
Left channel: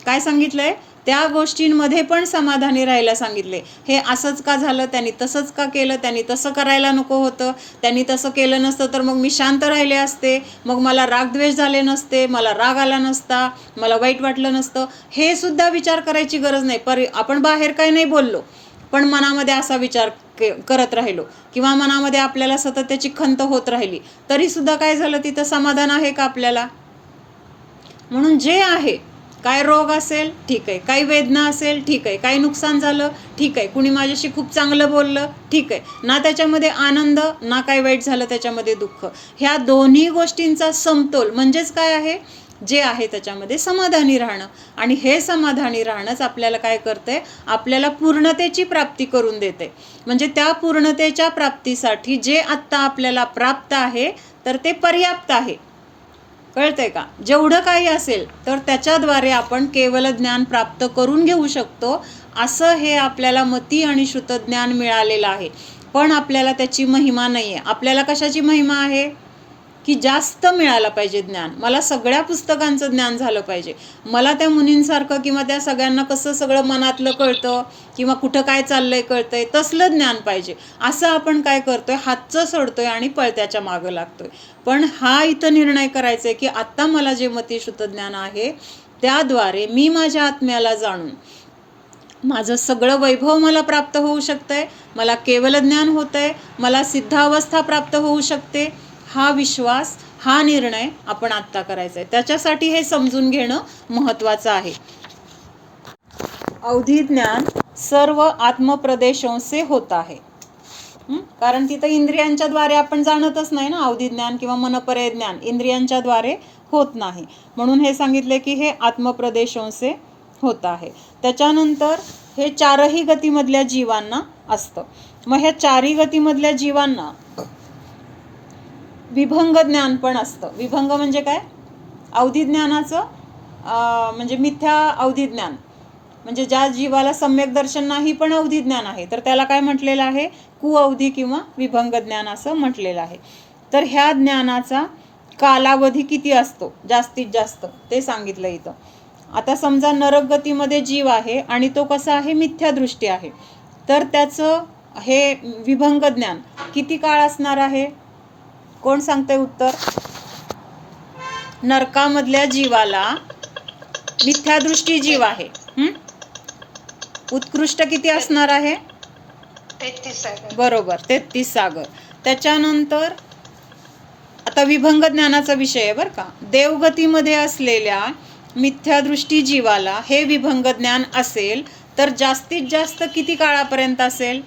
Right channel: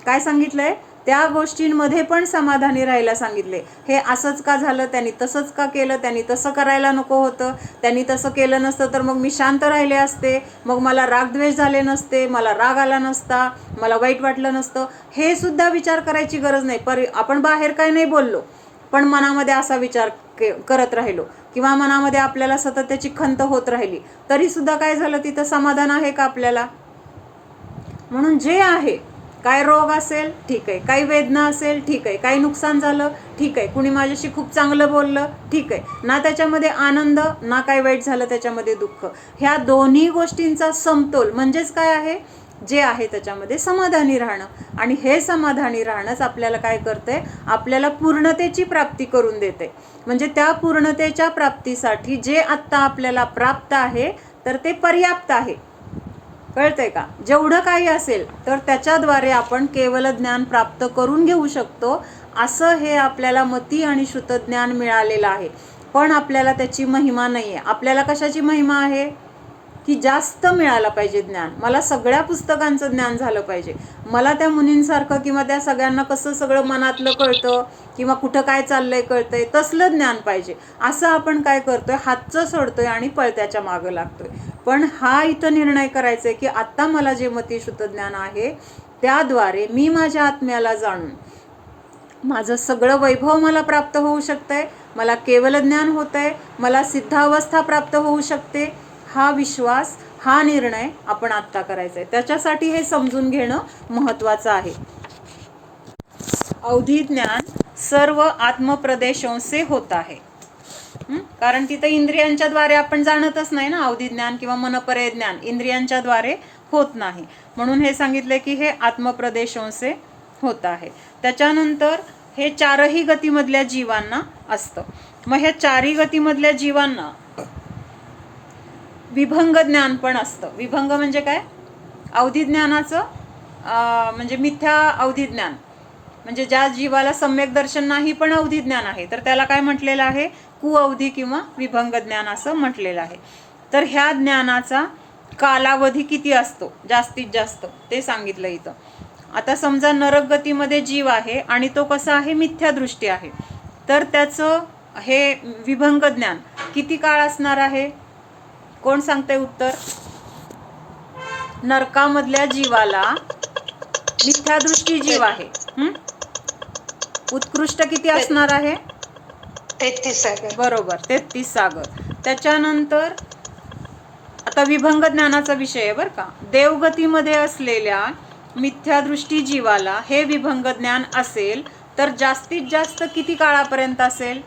काय सांगितलंय? त्या गोष्टींमध्ये पण समाधानी राहायला सांगितले. हे असंच का झालं, त्यांनी तसंच का केलं, त्यांनी तसं करायला नको होतं, त्यांनी तसं केलं नसतं तर मग मी शांत राहिले असते, मग मला रागद्वेष झाले नसते, मला राग आला नसता, मला वाईट वाटलं नसतं. हे सुद्धा विचार करायची गरज नाही. आपण बाहेर काय नाही बोललो पण मनामध्ये असा विचार करत राहिलो किंवा मनामध्ये आपल्याला सतत त्याची खंत होत राहिली तरी सुद्धा काय झालं, तिथं समाधान आहे का आपल्याला? म्हणून जे आहे, काय रोग असेल ठीक आहे, काही वेदना असेल ठीक आहे, काही नुकसान झालं ठीक आहे, कुणी माझ्याशी खूप चांगलं बोललं ठीक आहे, ना त्याच्यामध्ये आनंद ना काही वाईट झालं त्याच्यामध्ये दुःख, ह्या दोन्ही गोष्टींचा समतोल म्हणजेच काय आहे, जे आहे त्याच्यामध्ये समाधानी राहणं. आणि हे समाधानी राहणंच आपल्याला काय करते, आपल्याला पूर्णतेची प्राप्ती करून देते. म्हणजे त्या पूर्णतेच्या प्राप्तीसाठी जे आत्ता आपल्याला प्राप्त आहे तर ते पर्याप्त आहे. कळतंय का? जेवढं काही असेल तर त्याच्याद्वारे आपण केवल ज्ञान प्राप्त करून घेऊ शकतो. असं हे आपल्याला मती आणि श्रुतज्ञान मिळालेलं आहे. पण आपल्याला त्याची महिमा नाही आहे. आपल्याला कशाची महिमा आहे की जास्त मिळालं पाहिजे ज्ञान. मला सगळ्या पुस्तकांचं ज्ञान झालं पाहिजे, मला त्या मुनींसारखं किंवा त्या सगळ्यांना कसं सगळं मनातलं कळतं किंवा कुठं काय चाललंय कळतंय तसलं ज्ञान पाहिजे. असं आपण काय करतोय, हातचं सोडतोय आणि पळत्याच्या मागं लागतोय. पण हा इथं निर्णय करायचा आहे की आत्ता मला जे मतिश्रुत ज्ञान आहे त्याद्वारे मी माझ्या आत्म्याला जाणून माझं सगळं वैभव मला प्राप्त होऊ शकतंय, मला केवल ज्ञान होतंय, मला सिद्धावस्था प्राप्त होऊ शकते. हा विश्वास, हा निर्णय आपण आत्ता करायचा आहे. त्याच्यासाठी हे समजून घेणं महत्त्वाचं आहे. अवधी ज्ञान सर्व आत्मप्रदेशों से होत आहे. कारण तिथं इंद्रियांच्या द्वारे आपण जाणतच नाही ना. अवधी ज्ञान किंवा मनपर्य ज्ञान इंद्रियांच्या द्वारे होत नाही. म्हणून हे सांगितले की हे आत्मप्रदेशों से होत आहे. त्याच्यानंतर हे चारही गतीमधल्या जीवांना असतं. मग ह्या चारही गतीमधल्या जीवांना विभंग ज्ञान पण असतं. विभंग म्हणजे काय? अवधी ज्ञानाचं म्हणजे मिथ्या अवधी ज्ञान, म्हणजे ज्या जीवाला सम्यक दर्शन नाही पण अवधी ज्ञान आहे, तर त्याला काय म्हटलेलं आहे? कुअवधी किंवा विभंग ज्ञान असं म्हटलेलं आहे. तर ह्या ज्ञानाचा कालावधी किती असतो जास्तीत जास्त ते सांगितलं इथं. आता समजा नरक गतीमध्ये जीव आहे आणि तो कसा आहे? मिथ्यादृष्टी आहे. तर त्याचं हे विभंग ज्ञान किती काळ असणार आहे? कोण सांगते उत्तर? नरकामधल्या जीवाला मिथ्यादृष्टी जीव आहे, उत्कृष्ट किती असणार आहे? 33 सागर. बरोबर, 33 सागर. त्याच्यानंतर आता विभंग ज्ञानाचा विषय आहे बरं का. देवगतीमध्ये असलेल्या मिथ्यादृष्टी जीवाला हे विभंग ज्ञान असेल तर जास्तीत जास्त किती काळापर्यंत असेल?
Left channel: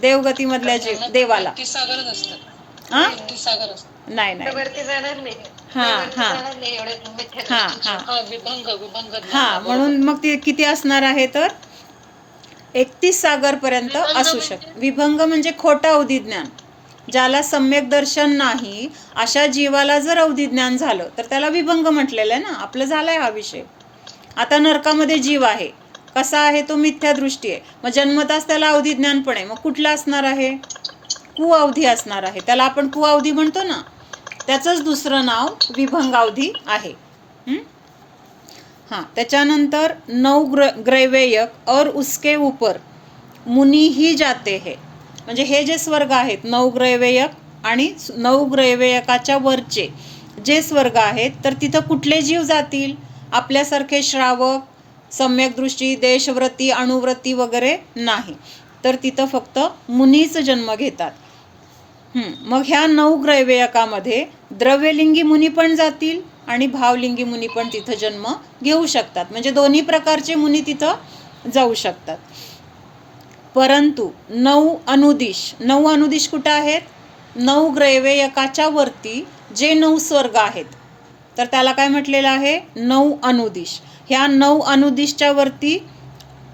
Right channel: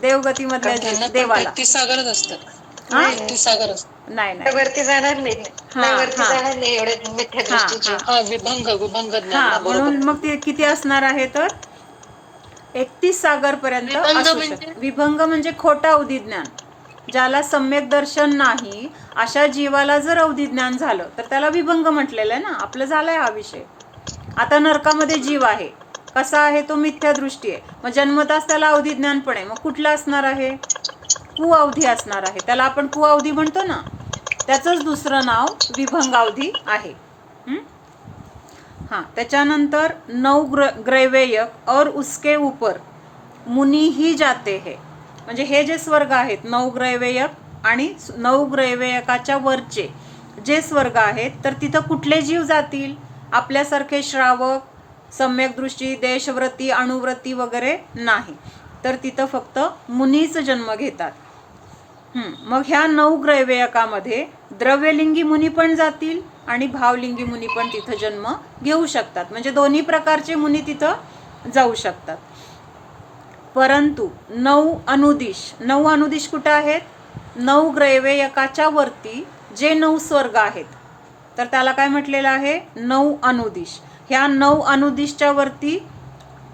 देवगतीमधल्या देवाला 33 सागरच असतं. हा? 33 सागर असतं. नाही नाही, वरती जाणार नाही. वरती जाणार नाही एवढे मिथ्यादृष्टीचे. विभंग ज्ञान. म्हणून मग ते किती असणार आहे? तर 31 सागर पर्यंत असू शकते. विभंग म्हणजे खोटं अवधी ज्ञान. ज्याला सम्यक दर्शन नाही अशा जीवाला जर अवधी ज्ञान झालं तर त्याला विभंग म्हटलेलं आहे ना. आपलं झालंय हा विषय. आता नरकामध्ये जीव आहे, कसा आहे तो? मिथ्यादृष्टी आहे. मग जन्मताच त्याला अवधी ज्ञान पण आहे. मग कुठलं असणार आहे? कुअवधी असणार आहे. त्याला आपण कुअवधी म्हणतो ना, त्याचंच दुसरं नाव विभंगावधी आहे. हाँ, त्याच्यानंतर 9 ग्रैवेयक और उसके ऊपर मुनी ही जाते है. म्हणजे हे जे स्वर्ग आहेत 9 ग्रैवेयक आणि 9 ग्रैवेयकाच्या वरचे जे स्वर्ग आहेत, तर तिथं कुठले जीव जातील? आपल्यासारखे श्रावक, सम्यक दृष्टी, देशव्रती, अणुव्रती वगैरे नाही. तर तिथं फक्त मुनीच जन्म घेतात. मग ह्या 9 ग्रैवेयकामध्ये द्रव्यलिंगी मुनी पण जातील आणि भावलिंगी मुनी पण तिथं जन्म घेऊ शकतात. म्हणजे दोन्ही प्रकारचे मुनी तिथं जाऊ शकतात. परंतु 9 अनुदिश कुठं आहेत? 9 ग्रैवेयकाच्या वरती जे 9 स्वर्ग आहेत, तर त्याला काय म्हटलेलं आहे? 9 अनुदिश. ह्या 9 अनुदिशच्या वरती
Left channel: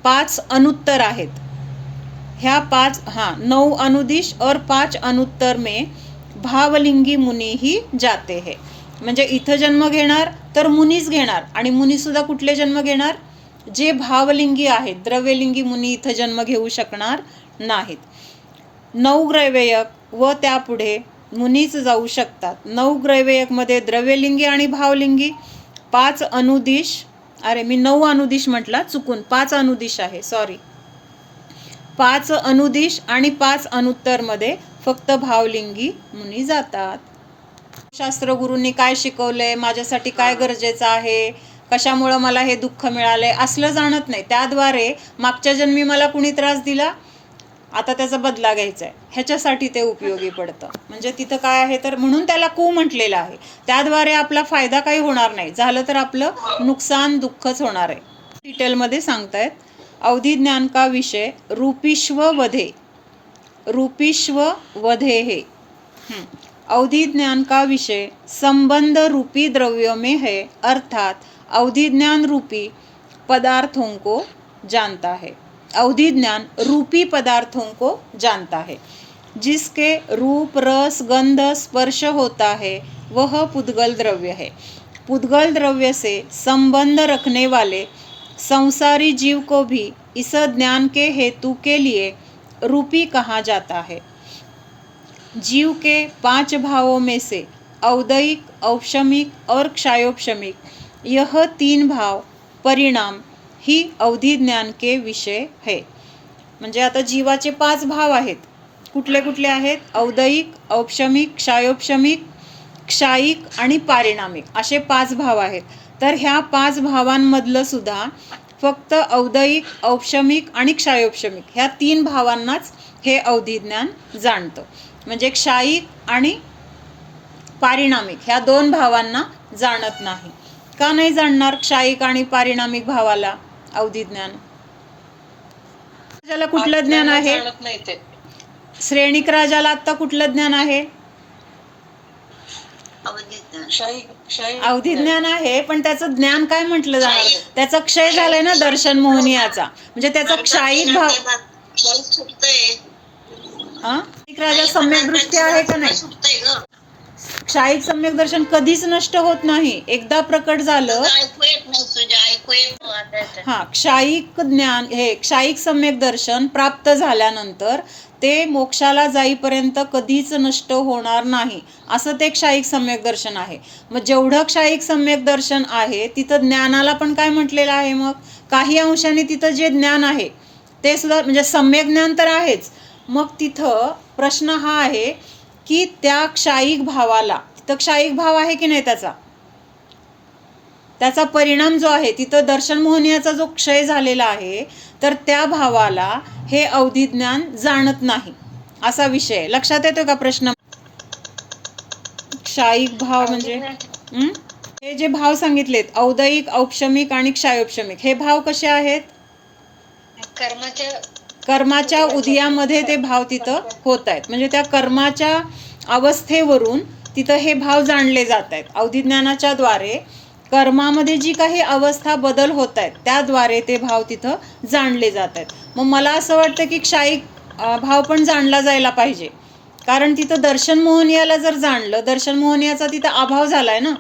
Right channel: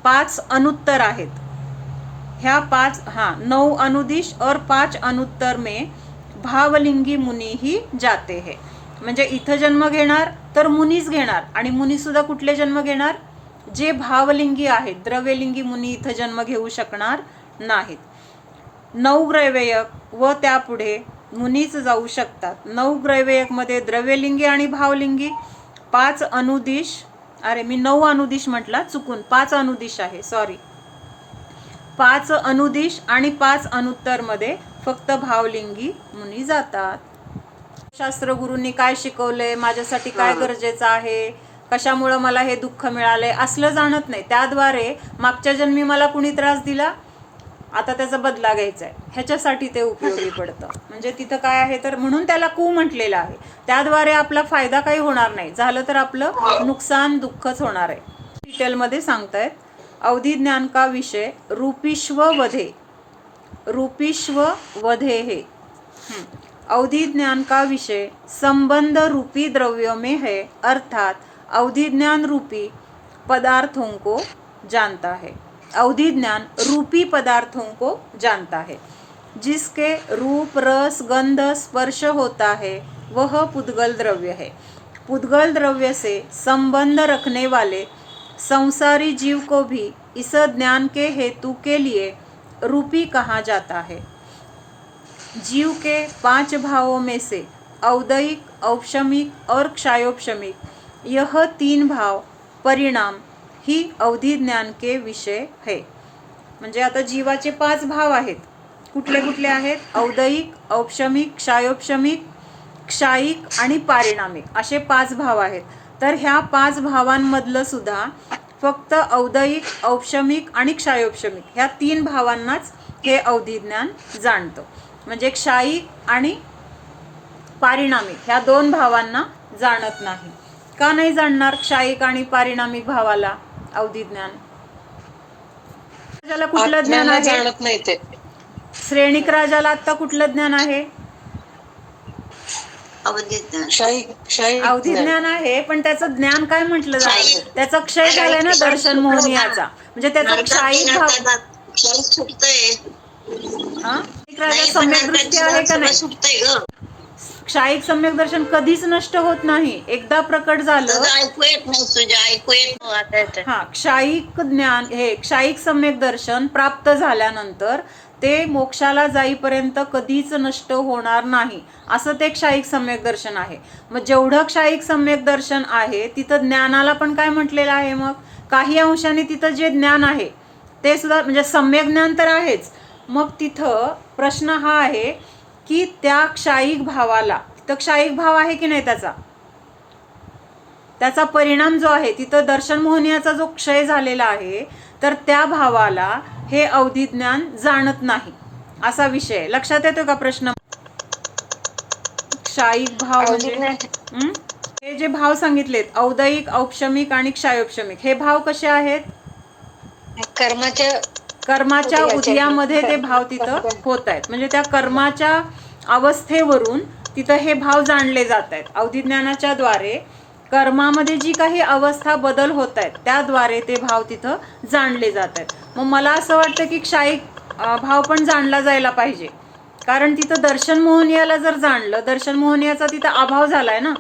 5 अनुत्तर आहेत. ह्या 9 अनुदिश और 5 अनुत्तर में भावलिंगी मुनी ही जाते है. म्हणजे इथं जन्म घेणार तर मुनीच घेणार. आणि मुनी सुद्धा कुठले जन्म घेणार? जे भावलिंगी आहेत. द्रव्यलिंगी मुनी इथं जन्म घेऊ शकणार नाहीत. 9 ग्रैवेयक व त्यापुढे मुनीच जाऊ शकतात. 9 ग्रैवेयकमध्ये द्रव्यलिंगी आणि भावलिंगी, 5 अनुदिश, अरे मी 9 अनुदिश म्हटला चुकून, 5 अनुदिश आहे, सॉरी. 5 अनुदिश आणि 5 अनुत्तरमध्ये फक्त भावलिंगी मुनी जातात. शास्त्र गुरूंनी काय शिकवलंय, माझ्यासाठी काय गरजेचं आहे, कशामुळं मला हे दुःख मिळालंय, असलं जाणत नाही. त्याद्वारे मागच्या जन्मी मला कुणी त्रास दिला, आता त्याचा बदला घ्यायचा आहे, ह्याच्यासाठी ते उपयोगी पडतं. म्हणजे तिथं काय आहे तर म्हणून त्याला कू म्हटलेलं आहे. त्याद्वारे आपला फायदा काही होणार नाही, झालं तर आपलं नुकसान दुःखच होणार आहे. डिटेलमध्ये सांगतायत. अवधी ज्ञान का विषय रूपिश्व वधे है. अवधी ज्ञान का विषय संबंध रूपी द्रव्यों में है, अर्थात अवधी ज्ञान रूपी पदार्थों को जानता है. अवधी ज्ञान रूपी पदार्थों को जानता है. जिसके रूप, रस, गंध, स्पर्श होता है वह पुद्गल द्रव्य है. पुद्गल द्रव्य से संबंध रखने वाले संसारी जीव को भी इस ज्ञान के हेतु के लिए रूपी कहा जाता है. जीव के 5 भावों में से औदयिक, औपशमिक और क्षायोपशमिक, यह 3 भाव परिणाम ही अवधी ज्ञान के विषय है. म्हणजे आता जीवाचे 5 भाव आहेत. कुठले कुठले आहेत? औदयिक, औपशमिक, क्षायोपशमिक, क्षायिक आणि पारिणामिक असे 5 भाव आहेत. तर ह्या 5 भावांमधलं सुद्धा फक्त औदयिक, औपशमिक आणि क्षायोपशमिक ह्या 3 भावांनाच हे अवधी ज्ञान जाणतं. म्हणजे क्षायिक आणि पारिणामिक ह्या 2 भावांना जाणत नाही. का नाही जाणणार क्षायिक आणि पारिणामिक भावाला अवधी ज्ञान? राजाला कुठलं ज्ञान आहे? श्रेणिक राजाला आता कुठलं ज्ञान आहे? अवधी ज्ञान आहे, पण त्याचं ज्ञान काय म्हटलं जाणार? त्याचा क्षय झालाय ना दर्शन मोहनीयाचा, म्हणजे त्याचा क्षायिक भाव. राजा सम्यक दृष्टी आहे का नाही? क्षायिक सम्यक दर्शन कधीच नष्ट होत नाही, एकदा प्रकट झालं. हा, क्षायिक ज्ञान हे क्षायिक सम्यक दर्शन प्राप्त झाल्यानंतर ते मोक्षाला जाईपर्यंत कधीच नष्ट होणार नाही, असं ते क्षायिक सम्यक दर्शन आहे. मग जेवढं क्षायिक सम्यक दर्शन आहे तिथं ज्ञानाला पण काय म्हटलेलं आहे? मग काही अंशाने तिथं जे ज्ञान आहे ते सुद्धा, म्हणजे सम्यक ज्ञान तर आहेच. मग तिथं प्रश्न हा आहे की त्या क्षायिक भावाला, तिथं क्षायिक भाव आहे की नाही, त्याचा परिणाम जो आहे तिथं दर्शन मोहनीयाचा जो क्षय झालेला आहे, तर त्या भावाला हे अवधी ज्ञान जाणत नाही, असा विषय. लक्षात येतोय का प्रश्न? क्षायिक भाव म्हणजे हे जे भाव सांगितलेत, औदयिक, औपशमिक आणि क्षायोपशमिक, हे भाव कसे आहेत? कर्माच्या उदयामध्ये ते भाव तिथं होत आहेत, म्हणजे त्या कर्माच्या अवस्थेवरून तिथं हे भाव जाणले जात आहेत. अवधी ज्ञानाच्या द्वारे कर्मामध्ये जी काही अवस्था बदल होत आहेत त्याद्वारे ते भाव तिथं जाणले जात आहेत. मग मला असं वाटतं की क्षायिक भाव पण जाणला जायला पाहिजे, कारण तिथं दर्शन मोहनीयाला जर जाणलं, दर्शन मोहनीयाचा तिथं अभाव झालाय ना,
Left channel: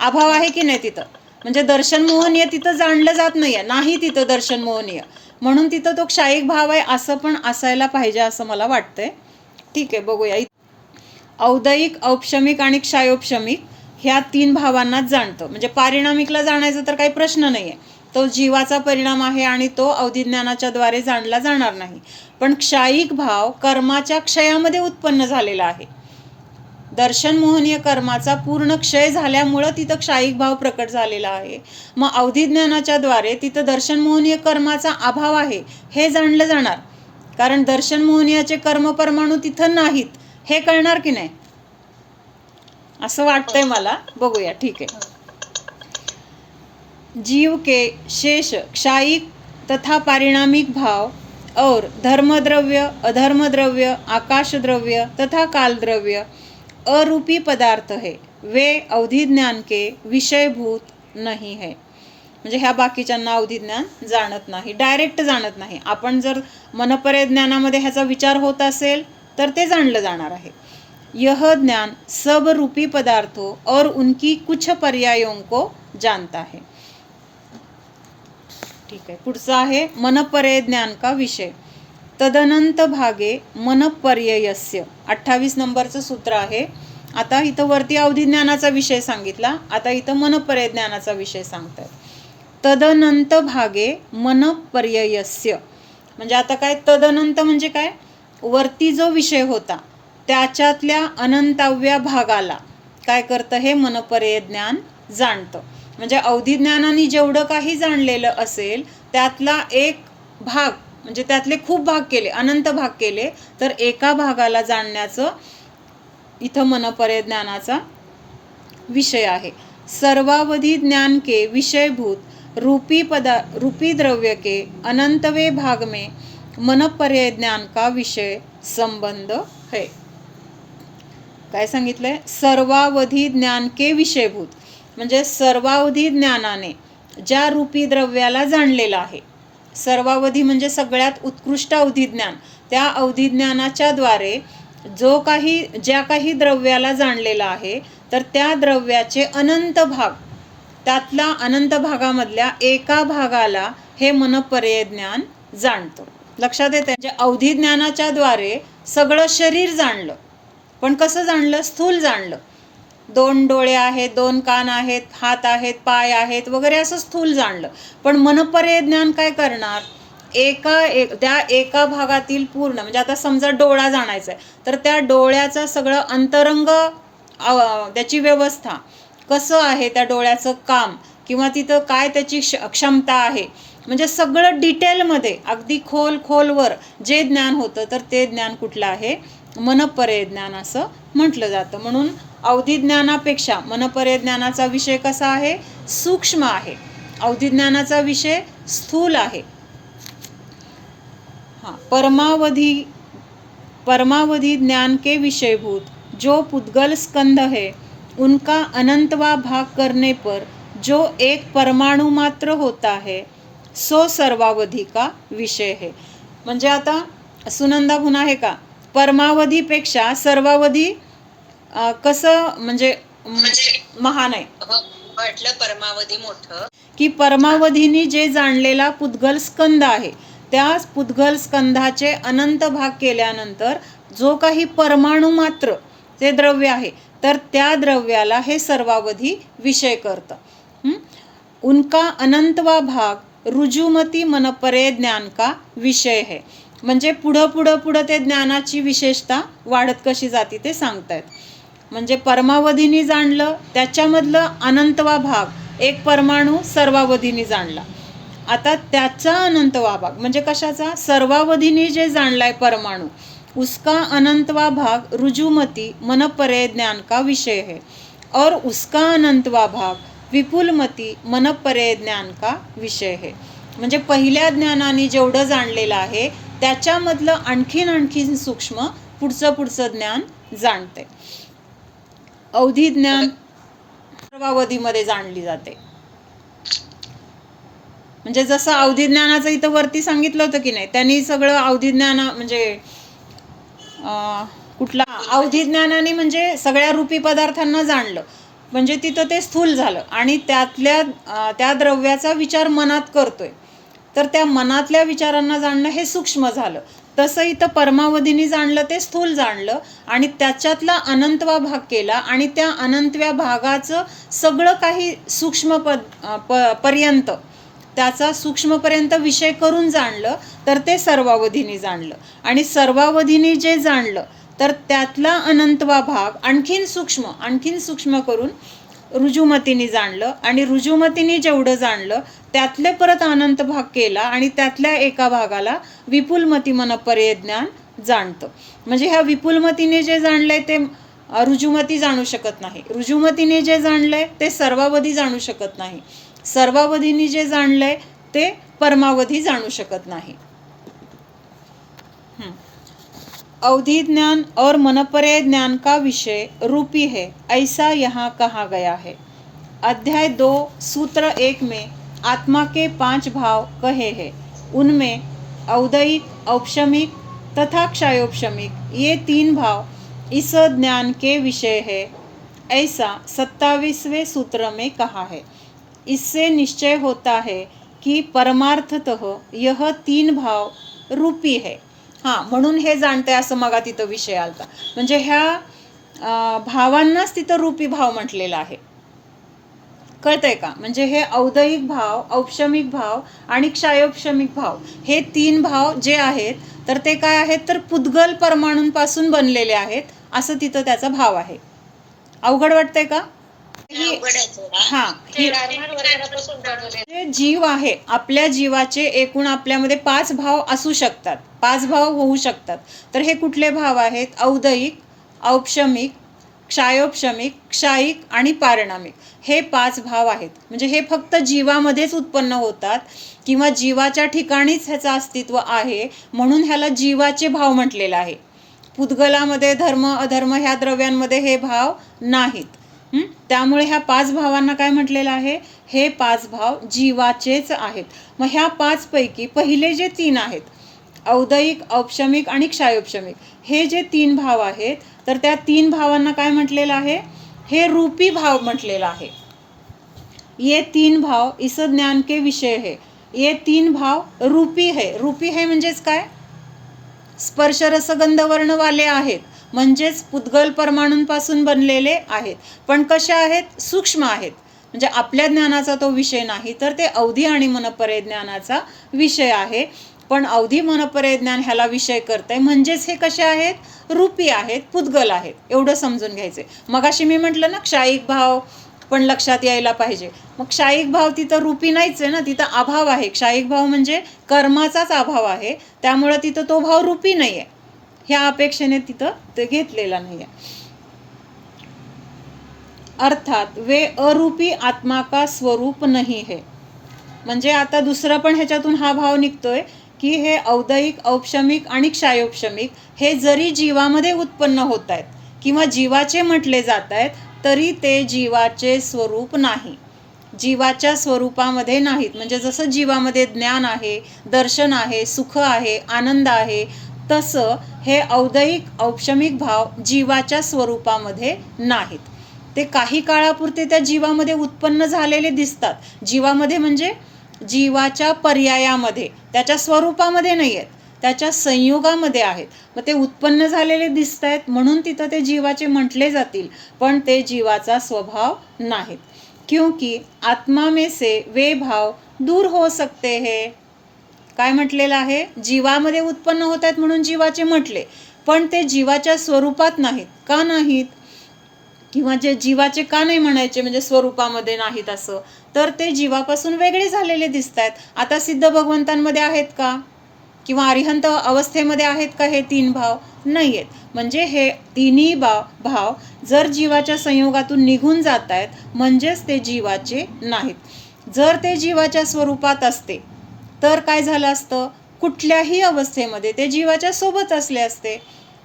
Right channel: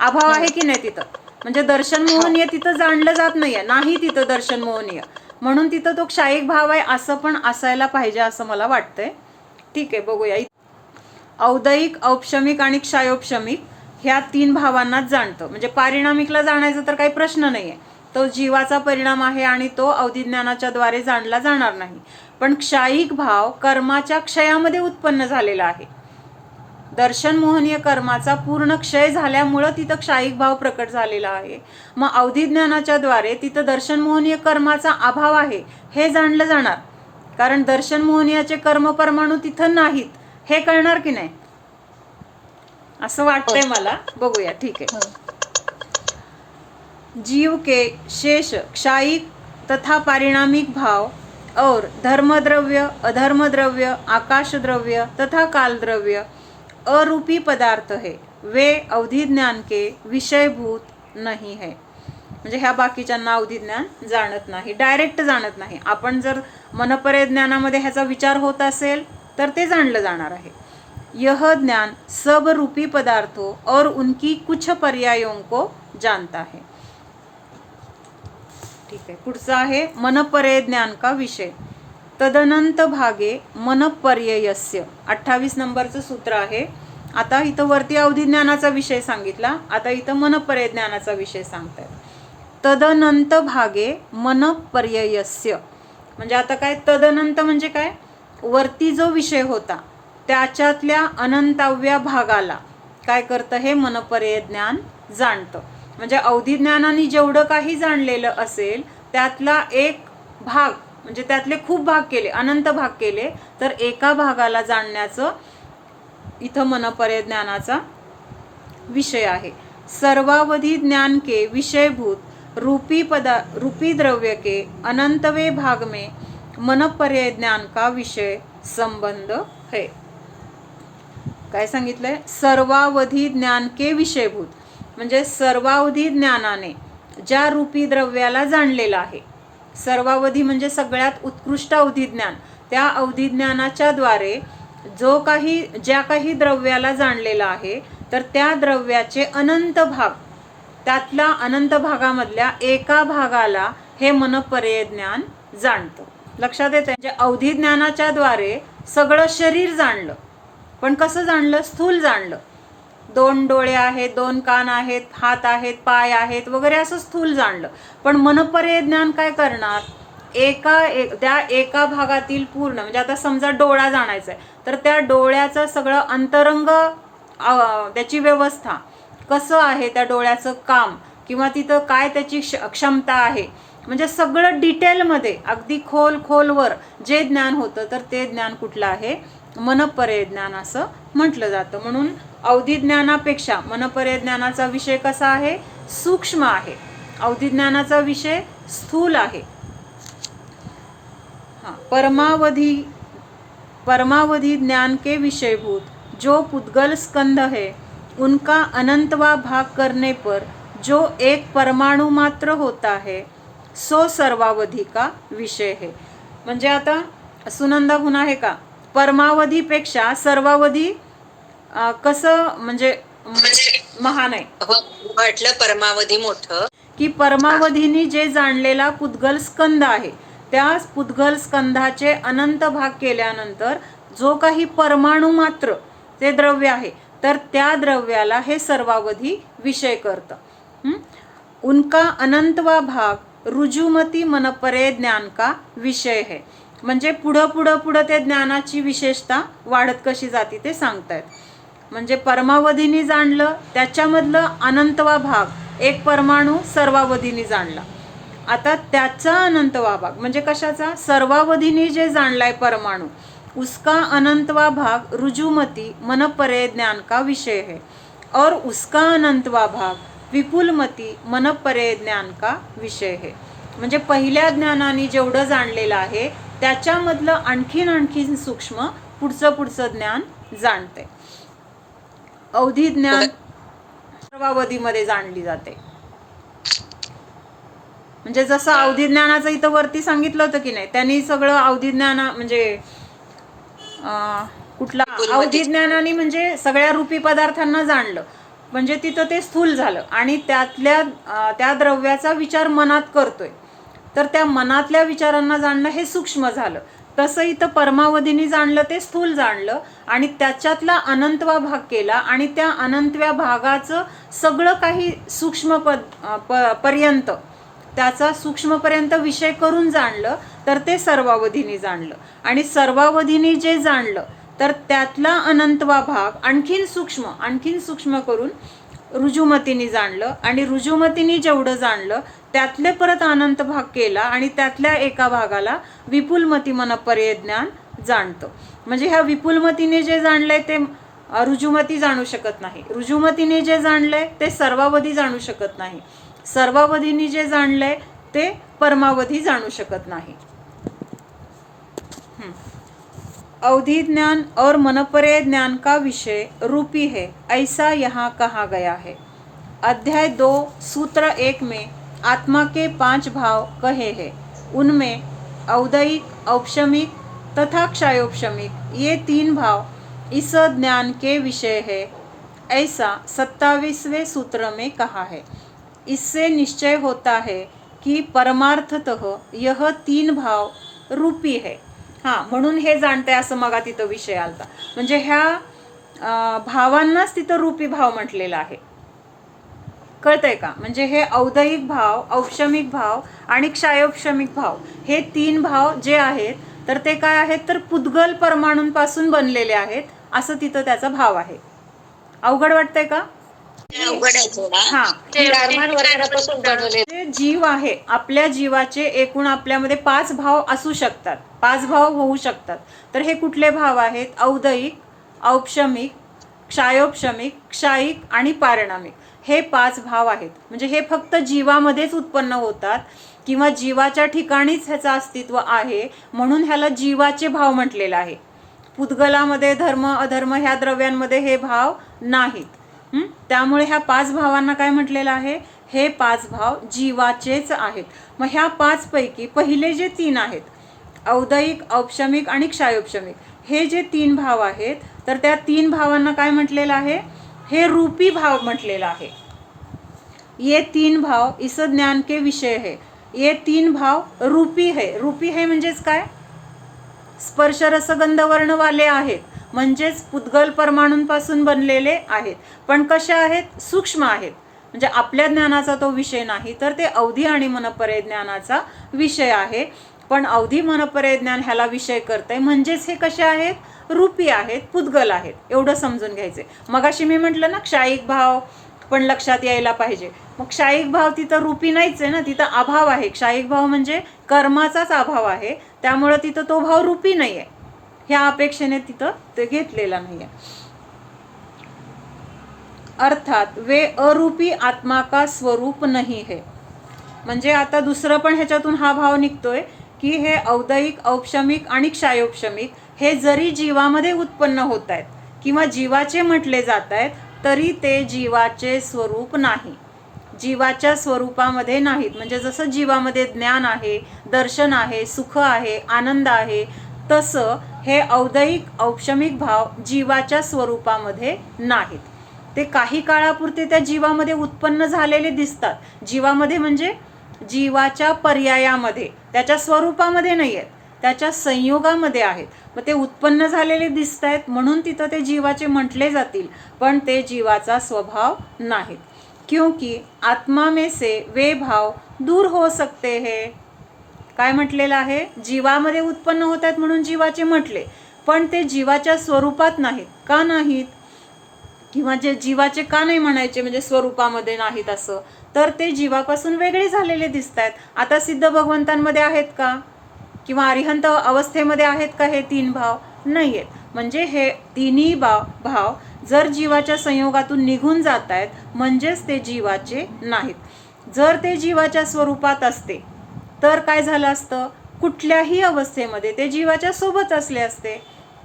अभाव आहे की नाही तिथं, म्हणजे दर्शन मोहनीय तिथं जाणलं जात नाहीये, नाही तिथं दर्शन मोहनीय, म्हणून तिथं तो क्षायिक भाव आहे असं पण असायला पाहिजे असं मला वाटतंय. ठीक आहे, बघूया. औदयिक, औपशमिक आणि क्षायोपशमिक ह्या 3 भावांनाच जाणतं, म्हणजे पारिणामिकला जाण्याचा तर काही प्रश्न नाही आहे, तो जीवाचा परिणाम आहे आणि तो अवधिज्ञानाच्या द्वारे जाणला जाणार नाही. पण क्षायिक भाव कर्माच्या क्षयामध्ये उत्पन्न झालेला आहे. दर्शन मोहनीय कर्माचा पूर्ण क्षय झाल्यामुळं तिथं क्षायिक भाव प्रकट झालेला आहे. मग अवधिज्ञानाच्या द्वारे तिथं दर्शन मोहनीय कर्माचा अभाव आहे हे जाणलं जाणार, कारण दर्शन मोहनीयाचे कर्म परमाणू तिथं नाहीत, हे कळणार की नाही, असं वाटतंय मला. बघूया, ठीक है. जीव के शेष क्षायिक तथा पारिणामिक भाव और धर्मद्रव्य, अधर्मद्रव्य, आकाश द्रव्य तथा काल द्रव्य अरूपी पदार्थ है, वे अवधि ज्ञान के विषयभूत नहीं है. म्हणजे ह्या बाकीच्यांना अवधि ज्ञान जाणत नाही, डायरेक्ट जाणत नाही. आपण जर मनपर्य ज्ञानामध्ये ह्याचा विचार होत असेल तर ते जाणलं जाणार आहे. यह ज्ञान सब रूपी पदार्थों और उनकी कुछ पर्यायों को जानता है. ठीक आहे, पुढचा आहे मनपर्य ज्ञान का विषय. तदनंत भागे मनपर्ययस्य, 28 नंबरचं सूत्र आहे. आता इथं वरती अवधि ज्ञानाचा विषय सांगितला, आता इथं मनपर्य ज्ञानाचा विषय सांगतात. तदनंत भागे मनपर्ययस्य, म्हणजे आता काय तदनंत म्हणजे काय, वरती जो विषय होता त्याच्यातल्या अनंताव्या भागाला काय करतं, हे मनपर्य ज्ञान जाणतं. म्हणजे अवधि ज्ञानाने जेवढं काही जाणलेलं असेल त्यातला एक भाग, म्हणजे त्यातले खूप भाग केले, अनंत भाग केले, तर एका भागाला जाणण्याचं इथं मनपर्य ज्ञानाचा विषय आहे. सर्वावधि ज्ञान के विषयभूत रूपी द्रव्य के अनंतवे भाग में मनपर्य ज्ञान का विषय संबंध है. काय सांगितलंय? सर्वावधि ज्ञान के विषयभूत, म्हणजे सर्वावधी ज्ञानाने ज्या रूपी द्रव्याला जाणलेलं आहे, सर्वावधी म्हणजे सगळ्यात उत्कृष्ट अवधी ज्ञान, त्या अवधी ज्ञानाच्या द्वारे ज्या काही द्रव्याला जाणलेलं आहे, तर त्या द्रव्याचे अनंत भाग, त्यातल्या अनंत भागामधल्या एका भागाला हे मनपर्य ज्ञान जाणतं. लक्षात येतं? म्हणजे अवधी ज्ञानाच्या द्वारे सगळं शरीर जाणलं, पण कसं जाणलं? स्थूल जाणलं. 2 डोळे आहेत, 2 कान आहेत, हात आहेत, पाय आहेत वगैरे, असं स्थूल जाणलं. पण मनपर्य ज्ञान काय करणार? त्या एका भागातील पूर्ण, म्हणजे आता समजा डोळा जाणायचा आहे, तर त्या डोळ्याचं सगळं अंतरंग, त्याची व्यवस्था, कसं आहे त्या डोळ्याचं काम, किंवा तिथं काय त्याची क्षमता आहे, म्हणजे सगळं डिटेलमध्ये अगदी खोलवर जे ज्ञान होतं, तर ते ज्ञान कुठलं आहे? मनपर्य ज्ञान असं म्हटलं जातं. म्हणून अवधि ज्ञानापेक्षा मनपर्य ज्ञानाचा विषय कसा आहे? सूक्ष्म आहे. अवधि ज्ञानाचा विषय स्थूल आहे. परमावधि ज्ञान के विषयभूत जो पुद्गल स्कंध है उनका अनंतवा भाग करने पर जो एक परमाणु मात्र होता है सो सर्वावधी का विषय है. म्हणजे आता सुनंदा पुन्हा आहे का, परमावधीपेक्षा सर्वावधी कसं म्हणजे महान आहे. म्हटलं परमावधी मोठं, की परमावधीने जे जाणलेला पुद्गल स्कंद आहे त्या पुद्गल स्कंदाचे अनंत भाग केल्यानंतर जो काही परमाणु मात्र ते द्रव्य आहे तर त्या द्रव्याला हे सर्वावधी विषय करतं. उनका अनंतवा भाग रुजुमती मनपरे ज्ञान का विषय है. म्हणजे पुढं ते ज्ञानाची विशेषता वाढत कशी जाते ते सांगतायत. म्हणजे परमावधीने जाणलं त्याच्यामधलं अनंतवा भाग एक परमाणू सर्वावधीने जाणला. आता त्याचा अनंतवा भाग म्हणजे कशाचा, सर्वावधीने जे जाणलाय परमाणू उसका अनंतवा भाग रुजुमती मनपरे ज्ञान का विषय है और उसका अनंतवा भाग विपुलमती मनपरे ज्ञान का विषय है. म्हणजे पहिल्या ज्ञानाने जेवढं जाणलेलं आहे त्याच्यामधलं आणखीन सूक्ष्म पुढचं ज्ञान जाणते. अवधी ज्ञान सर्वावधीमध्ये जाणली जाते. म्हणजे जसं अवधी ज्ञानाचं इथं वरती सांगितलं होतं की नाही, त्यांनी सगळं अवधी ज्ञान म्हणजे कुठला अवधी ज्ञानाने म्हणजे सगळ्या रूपी पदार्थांना जाणलं म्हणजे तिथं ते स्थूल झालं आणि त्या द्रव्याचा विचार मनात करतोय तर त्या मनातल्या विचारांना जाणणं हे सूक्ष्म झालं. तसं इथं परमावधीने जाणलं ते स्थूल जाणलं आणि त्याच्यातला अनंतवा भाग केला आणि त्या अनंतव्या भागाचं सगळं काही सूक्ष्म पर्यंत त्याचा सूक्ष्मपर्यंत विषय करून जाणलं तर ते सर्वावधीने जाणलं. आणि सर्वावधीने जे जाणलं तर त्यातला अनंतवा भाग आणखीन सूक्ष्म करून रुजुमतीने जाणलं आणि रुजुमतीने जेवढं जाणलं त्यातले परत अनंत भाग केला आणि त्यातल्या एका भागाला विपुलमती मनपरे ज्ञान जाणतं. म्हणजे ह्या विपुलमतीने जे जाणलंय ते रुजुमती जाणू शकत नाही, रुजुमतीने जे जाणलंय ते सर्वावधी जाणू शकत नाही, सर्वावधीने जे जाणलंय ते परमावधी जाणू शकत नाही. अवधि ज्ञान और मनपरे ज्ञान का विषय रूपी है ऐसा यहाँ कहा गया है. अध्याय 2 सूत्र 1 में आत्मा के 5 भाव कहे हैं. उनमें औदयिक, औपशमिक तथा क्षयोपशमिक ये 3 भाव इस ज्ञान के विषय है ऐसा 27वें सूत्र में कहा है. इससे निश्चय होता है की परमार्थतः यह 3 भाव रूपी है. म्हणून हे जाणते असं मग तिथं विषय आलता. म्हणजे ह्या भावांनाच तिथं रूपी भाव म्हटलेला आहे. कळतंय का. म्हणजे हे औदयिक भाव, औपशमिक भाव आणि क्षयोपशमिक भाव हे 3 भाव जे आहेत तर ते काय आहेत तर पुद्गल परमाणूंपासून बनलेले आहेत असं तिथं त्याचा भाव आहे. अवघड वाटतंय का. जीव आहे आपल्या जीवाचे एकूण आपल्यामध्ये 5 भाव असू शकतात, 5 भाव होऊ शकतात. तर हे कुठले भाव आहेत, औदयिक, औपशमिक, क्षयोपशमिक, क्षायिक आणि पारिणामिक हे 5 भाव आहेत. म्हणजे हे फक्त जीवामध्येच उत्पन्न होतात किंवा जीवाच्या ठिकाणीच ह्याचं अस्तित्व आहे म्हणून ह्याला जीवाचे भाव म्हटलेलं आहे. पुद्गलामध्ये धर्म अधर्म ह्या द्रव्यांमध्ये हे भाव नाहीत. त्यामुळे ह्या 5 भावांना काय म्हटलेलं आहे, हे 5 भाव जीवाचेच आहेत. मग ह्या 5 पैकी पहिले जे 3 आहेत औदयिक, औपशमिक आणि क्षयोपशमिक हे जे 3 भाव आहेत तर त्या 3 भावांना काय म्हटलेलं आहे, हे रूपी भाव म्हटलेलं आहे. ये 3 भाव इस ज्ञान के विषय है. ये 3 भाव रूपी है. रूपी है म्हणजेच काय, स्पर्श रसगंध वर्णवाले आहेत म्हणजेच पुद्गल परमाणूंपासून बनलेले आहेत. पण कशा आहेत, सूक्ष्म आहेत. म्हणजे आपल्या ज्ञानाचा तो विषय नाही तर ते अवधी आणि मनपरे ज्ञानाचा विषय आहे. पण अवधी मनपरे ज्ञान ह्याला विषय करतंय म्हणजेच हे कसे आहेत, रूपी आहेत, पुद्गल आहेत एवढं समजून घ्यायचे. मगाशी मी म्हटलं ना क्षायिक भाव पण लक्षात यायला पाहिजे. मग क्षायिक भाव तिथं रूपी नाहीच आहे ना, तिथं अभाव आहे. क्षायिक भाव म्हणजे कर्माचाच अभाव आहे त्यामुळं तिथं तो भाव रूपी नाही आहे. ह्या अपेक्षेने तिथं ते घेतलेला नाही आहे. अर्थात वे अरूपी आत्मा का स्वरूप नहीं है. म्हणजे आता दुसरं पण ह्याच्यातून हा भाव निघतोय की हे औदयिक, औपशमिक आणि क्षयोपशमिक हे जरी जीवामध्ये उत्पन्न होत आहेत किंवा जीवाचे म्हटले जात आहेत तरी ते जीवाचे स्वरूप नाही, जीवाच्या स्वरूपामध्ये नाहीत. म्हणजे जसं जीवामध्ये ज्ञान आहे, दर्शन आहे, सुख आहे, आनंद आहे, तसं हे औदैहिक औपशमिक भाव जीवाच्या स्वरूपामध्ये नाहीत. ते काही काळापुरते त्या जीवामध्ये उत्पन्न झालेले दिसतात. जीवामध्ये म्हणजे जीवाच्या पर्यायामध्ये, त्याच्या स्वरूपामध्ये नाही आहेत, त्याच्या संयोगामध्ये आहेत. मग ते उत्पन्न झालेले दिसत आहेत म्हणून तिथं ते जीवाचे म्हटले जातील, पण ते जीवाचा स्वभाव नाहीत. क्योंकि आत्मा में से वे भाव दूर हो सकते हैं. काय म्हटलेलं आहे? जीवामध्ये उत्पन्न होत आहेत म्हणून जीवाचे म्हटले, पण ते जीवाच्या स्वरूपात नाहीत. का नाहीत? किंवा जे जीवाचे का नाही म्हणायचे म्हणजे स्वरूपामध्ये नाहीत असं, तर ते जीवापासून वेगळे झालेले दिसत आहेत. आता सिद्ध भगवंतांमध्ये आहेत का? किंवा अरिहंत अवस्थेमध्ये आहेत का हे तीन भाव? नाही आहेत. म्हणजे हे तिन्ही भाव जर जीवाच्या संयोगातून निघून जात आहेत म्हणजेच ते जीवाचे नाहीत. जर ते जीवाच्या स्वरूपात असते तर काय झालं असतं? कुठल्याही अवस्थेमध्ये ते जीवाच्या सोबत असले असते.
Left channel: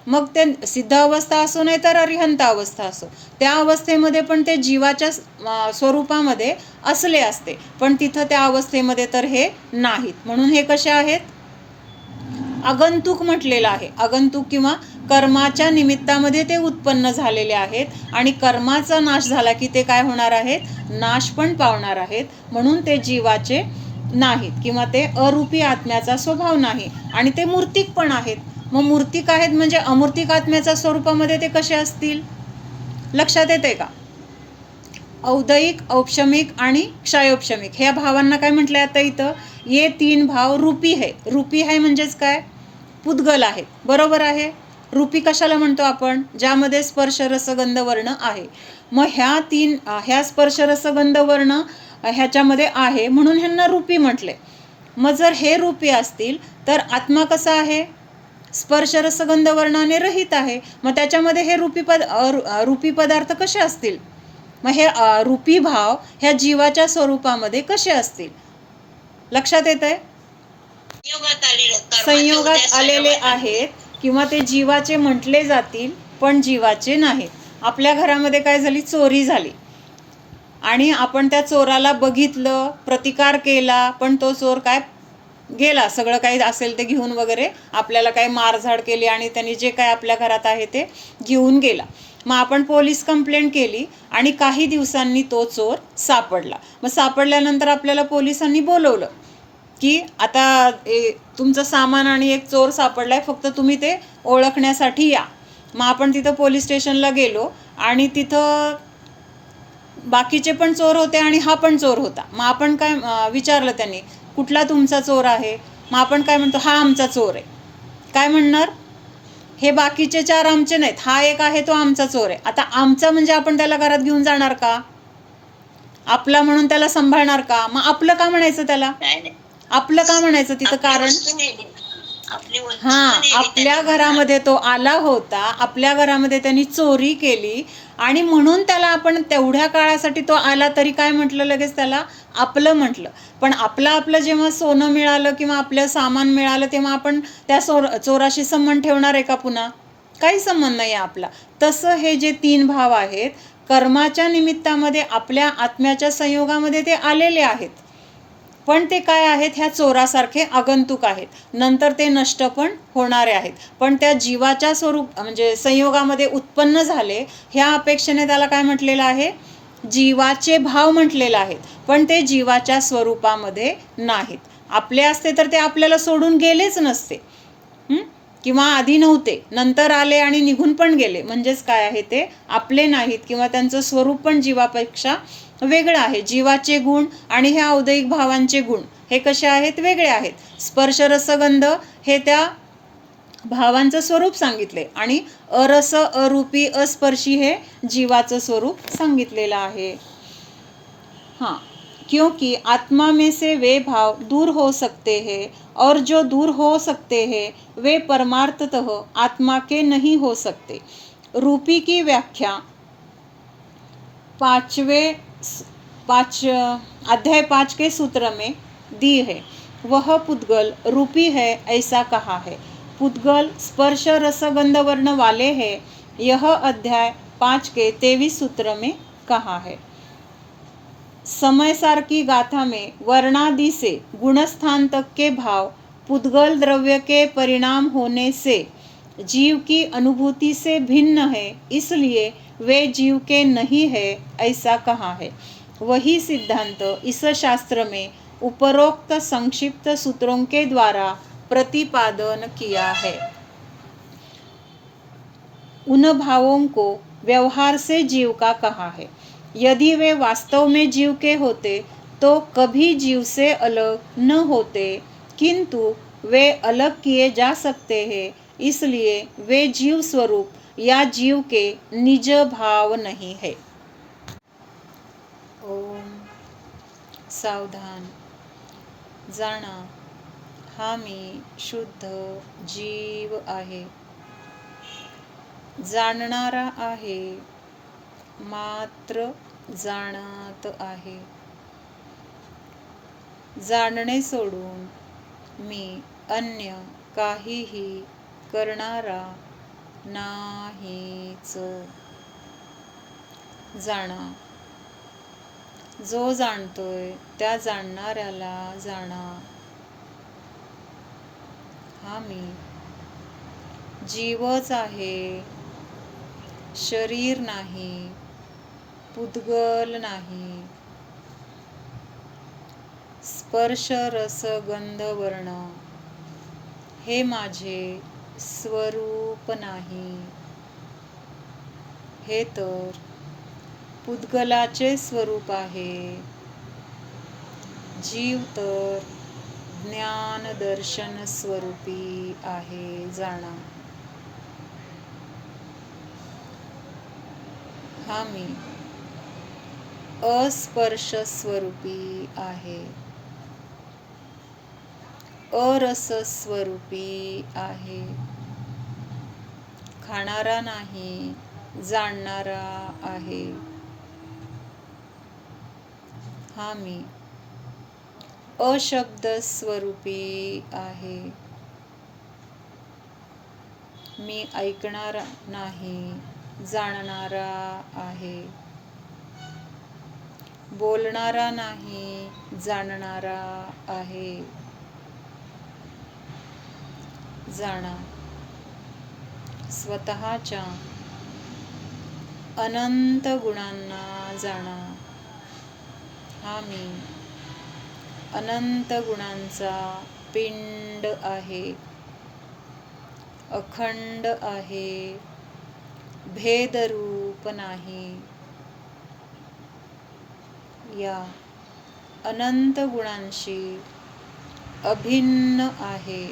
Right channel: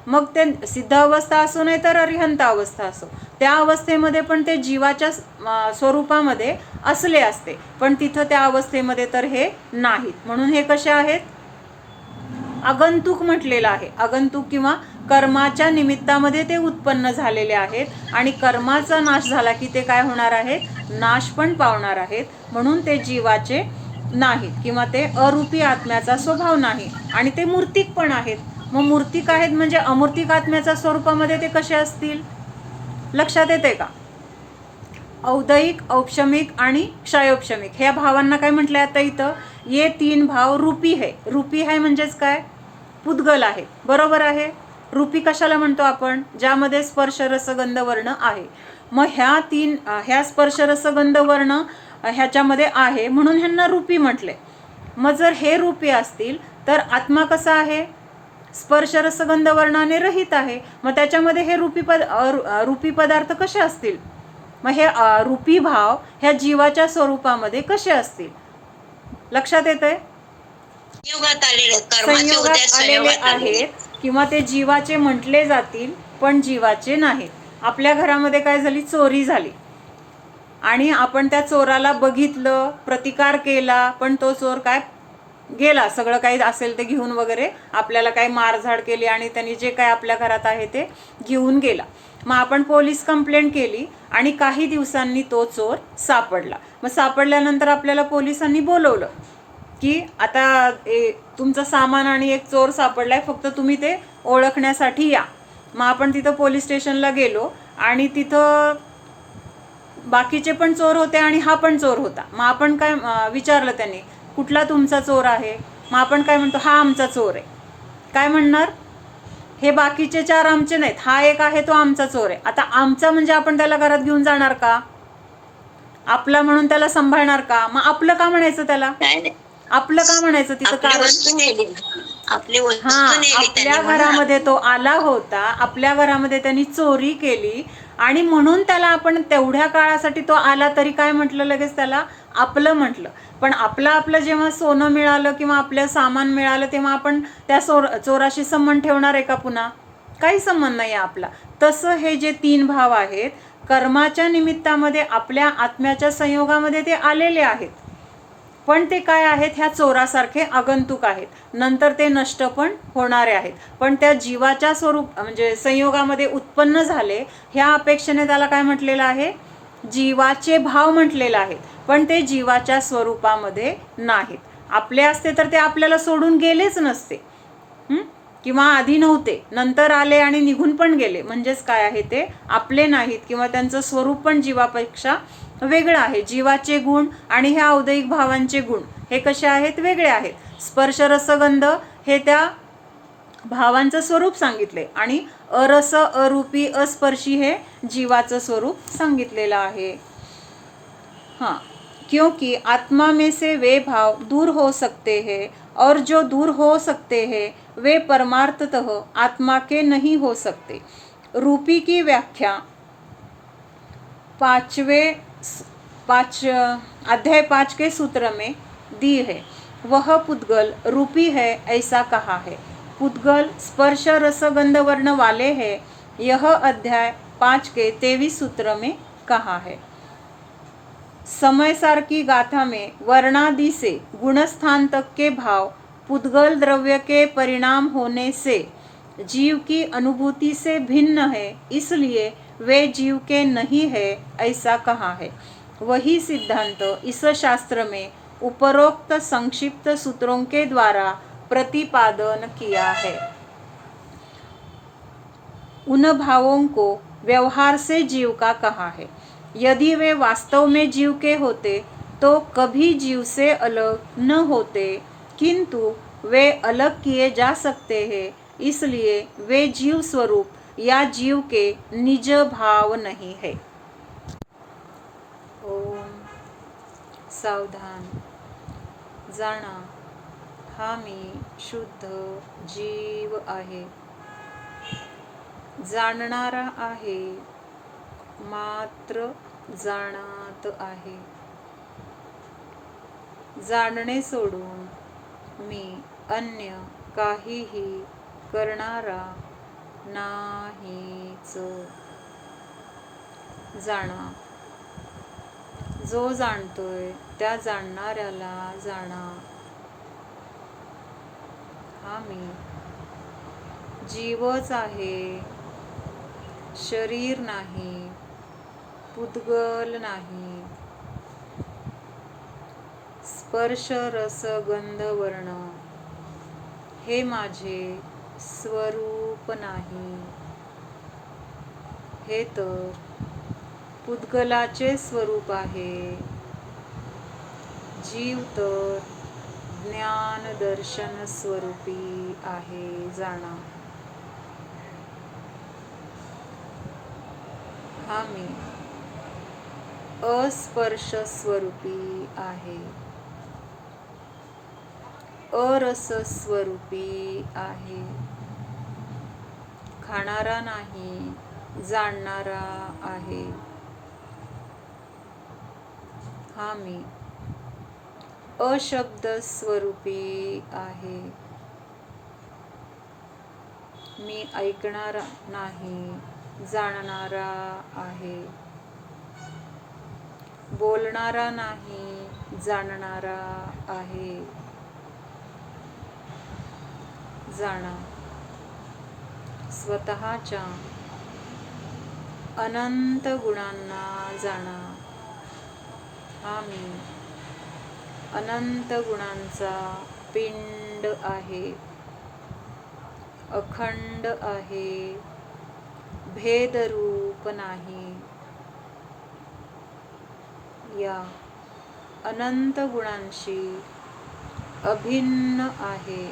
मग ते सिद्ध अवस्था असो नाही तर अरिहंत अवस्था असो, त्या अवस्थेमध्ये पण ते जीवाच्या स्वरूपामध्ये असले असते, पण तिथं त्या अवस्थेमध्ये तर हे नाहीत. म्हणून हे कसे आहेत? आगंतुक म्हटलेलं आहे. आगंतुक किंवा कर्माच्या निमित्तामध्ये ते उत्पन्न झालेले आहेत आणि कर्माचा नाश झाला की ते काय होणार आहेत? नाश पण पावणार आहेत. म्हणून ते जीवाचे नाहीत किंवा ते अरूपी आत्म्याचा स्वभाव नाही आणि ते मूर्तिक पण आहेत. मग मूर्तिक आहेत म्हणजे अमूर्तिक आत्म्याच्या स्वरूपामध्ये ते कसे असतील? लक्षात येते का? औदैहिक औपशमिक आणि क्षयोपशमिक ह्या भावांना काय म्हटलंय आता इथं? ये तीन भाव रूपी है. रूपी आहे म्हणजेच काय? पुद्गल आहे. बरोबर आहे. रूपी कशाला म्हणतो आपण? ज्यामध्ये स्पर्श रसगंध वर्ण आहे. मग ह्या स्पर्श रसगंध वर्ण ह्याच्यामध्ये आहे म्हणून ह्यांना रूपी म्हटले. मग जर हे रूपी असतील तर आत्मा कसा आहे? स्पर्श रसगंध वर्णाने रहित आहे. मग त्याच्यामध्ये हे रूपी पदार्थ कसे असतील? मग हे रूपी भाव ह्या जीवाच्या स्वरूपामध्ये कसे असतील? लक्षात येतंय? संयोगात आलेले आहेत किंवा ते जीवाचे म्हटले जातील पण जीवाचे नाहीत. आपल्या घरामध्ये काय झाली? चोरी झाली आणि आपण त्या चोराला बघितलं, प्रतिकार केला, पण तो चोर काय गेला, सगळं काही असेल ते घेऊन वगैरे, आपल्याला काही मारझाड केली आणि त्यांनी जे काय आपल्या घरात आहे ते घेऊन गेला. मग आपण पोलीस कंप्लेंट केली आणि काही दिवसांनी तो चोर सापडला. मग सापडल्यानंतर आपल्याला पोलिसांनी बोलवलं की आता तुमचं सामान आणि एक चोर सापडलाय, फक्त तुम्ही ते ओळखण्यासाठी या. मग आपण तिथं पोलीस स्टेशनला गेलो आणि तिथं बाकीचे पण चोर होते आणि हा पण चोर होता. मग आपण काय विचारलं त्यांनी, कुठला तुमचा चोर आहे? मग आपण काय म्हणतो? हा आमचा चोर आहे. काय म्हणणार? हे बाकीचे चार आमचे नाहीत, हा एक आहे तो आमचा चोर आहे. आता आमचा म्हणजे आपण त्याला घरात घेऊन जाणार का? आपला म्हणून त्याला सांभाळणार का? मग आपलं का म्हणायचं त्याला? आपलं का म्हणायचं तिथं? कारण आपल्या घरामध्ये तो आला होता, आपल्या घरामध्ये त्यांनी चोरी केली आणि म्हणून त्याला आपण तेवढ्या काळासाठी तो आला तरी काय म्हटलं? लगेच त्याला आपलं म्हटलं. पण आपलं जेव्हा सोनं मिळालं किंवा आपलं सामान मिळालं तेव्हा आपण त्या चोराशी संबंध ठेवणार आहे का पुन्हा? काही संबंध नाही आहे आपला. तसं हे जे तीन भाव आहेत कर्माच्या निमित्तामध्ये आपल्या आत्म्याच्या संयोगामध्ये ते आलेले आहेत, पण ते काय आहेत? ह्या चोरासारखे आगंतुक आहेत. नंतर ते नष्ट पण होणारे आहेत, पण त्या जीवाच्या स्वरूप म्हणजे संयोगामध्ये उत्पन्न झाले ह्या अपेक्षेने त्याला काय म्हटलेलं आहे? जीवाचे भाव म्हटलेले आहेत, पण ते जीवाच्या स्वरूपामध्ये नाहीत. आपले असते तर ते आपल्याला सोडून गेलेच नसते, किंवा आधी नव्हते, नंतर आले आणि निघून पण गेले. म्हणजेच काय आहे? ते आपले नाहीत किंवा त्यांचं स्वरूप पण जीवापेक्षा वेगळं आहे. जीवाचे गुण आणि ह्या औदैहिक भावांचे गुण हे कसे आहेत? वेगळे आहेत. स्पर्श रसगंध हे त्या भावांचं स्वरूप सांगितले आणि अरस, अरूपी, अस्पर्शी हे जीवाचं स्वरूप सांगितलेलं आहे. हाँ, क्योंकि आत्मा में से वे भाव दूर हो सकते हैं और जो दूर हो सकते हैं वे परमार्थतः आत्मा के नहीं हो सकते. रूपी की व्याख्या अध्याय 5 के सूत्र में दी है. वह पुद्गल रूपी है ऐसा कहा है. पुद्गल स्पर्श रसगंध वर्ण वाले हैं. यह अध्याय 5 के 23 सूत्र में कहा है। समय सार की गाथा में वर्णादि से गुणस्थान तक के भाव पुद्गल द्रव्य के परिणाम होने से जीव की अनुभूति से भिन्न है, इसलिए वे जीव के नहीं है, ऐसा कहा है। वही सिद्धांत इस शास्त्र में उपरोक्त संक्षिप्त सूत्रों के द्वारा प्रतिपादन किया है। उन भावों को व्यवहार से जीव का कहा है। यदि वे वास्तव में जीव के होते तो कभी जीव से अलग न होते, किंतु वे अलग किए जा सकते हैं, इसलिए वे जीव स्वरूप या जीव के निज भाव नहीं है। ओम सावधान, जाणा हा मी शुद्ध जीव आहे, जाणणारा आहे, मात्र जाणत आहे। जाणणे सोडून मी अन्य काहीही करणारा नाहीच। जाणा, जो जाणतोय त्या जाणणाऱ्याला जाणा। हा मी जीवच आहे, शरीर नाही, पुद्गल नाही। स्पर्श रस गंध वर्ण हे माझे स्वरूप नाही, हे तर पुद्गलाचे स्वरूप आहे। जीव तर ज्ञान दर्शन स्वरूपी आहे, जाणा। हा मी अस्पर्श स्वरूपी आहे, अरस स्वरूपी आहे, खाणारा नाही, जाणणारा आहे। हा मी अशब्द स्वरूपी आहे, मी ऐकणारा नाही, जाणणारा आहे, बोलणारा नाही, जाणणारा आहे। जाणा, स्वतःच्या अनंत गुणांना जाणा। हा मी अनंत गुणांचा पिंड आहे, अखंड आहे, भेदरूप नाही। या अनंत गुणांशी अभिन्न आहे,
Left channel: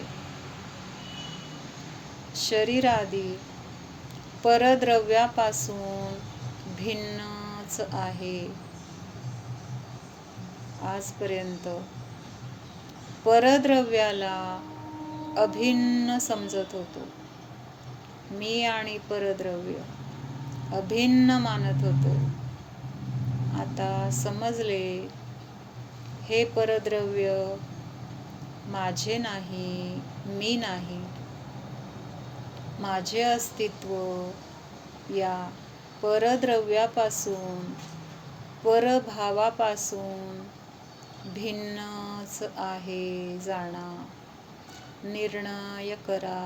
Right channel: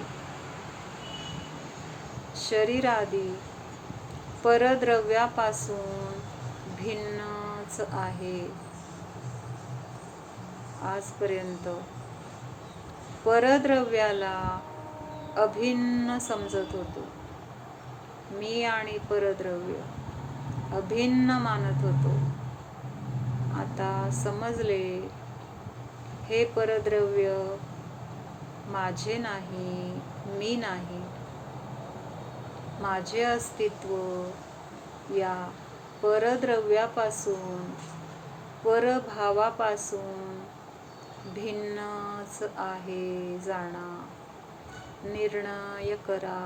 शरीरादी परद्रव्यापासून भिन्नच आहे। आजपर्यंत परद्रव्याला अभिन्न समजत होतो, मी आणि परद्रव्य अभिन्न मानत होतो। आता समजले, हे परद्रव्य माझे नाही, मी नाही। माझे अस्तित्व या परद्रव्यापासून, परभावापासून भिन्नच आहे, जाणा। निर्णय करा।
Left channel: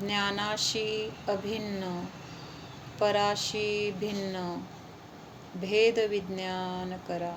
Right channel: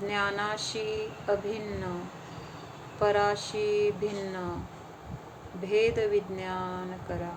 ज्ञानाशी अभिन्न, पराशी भिन्न भेद विज्ञान करा।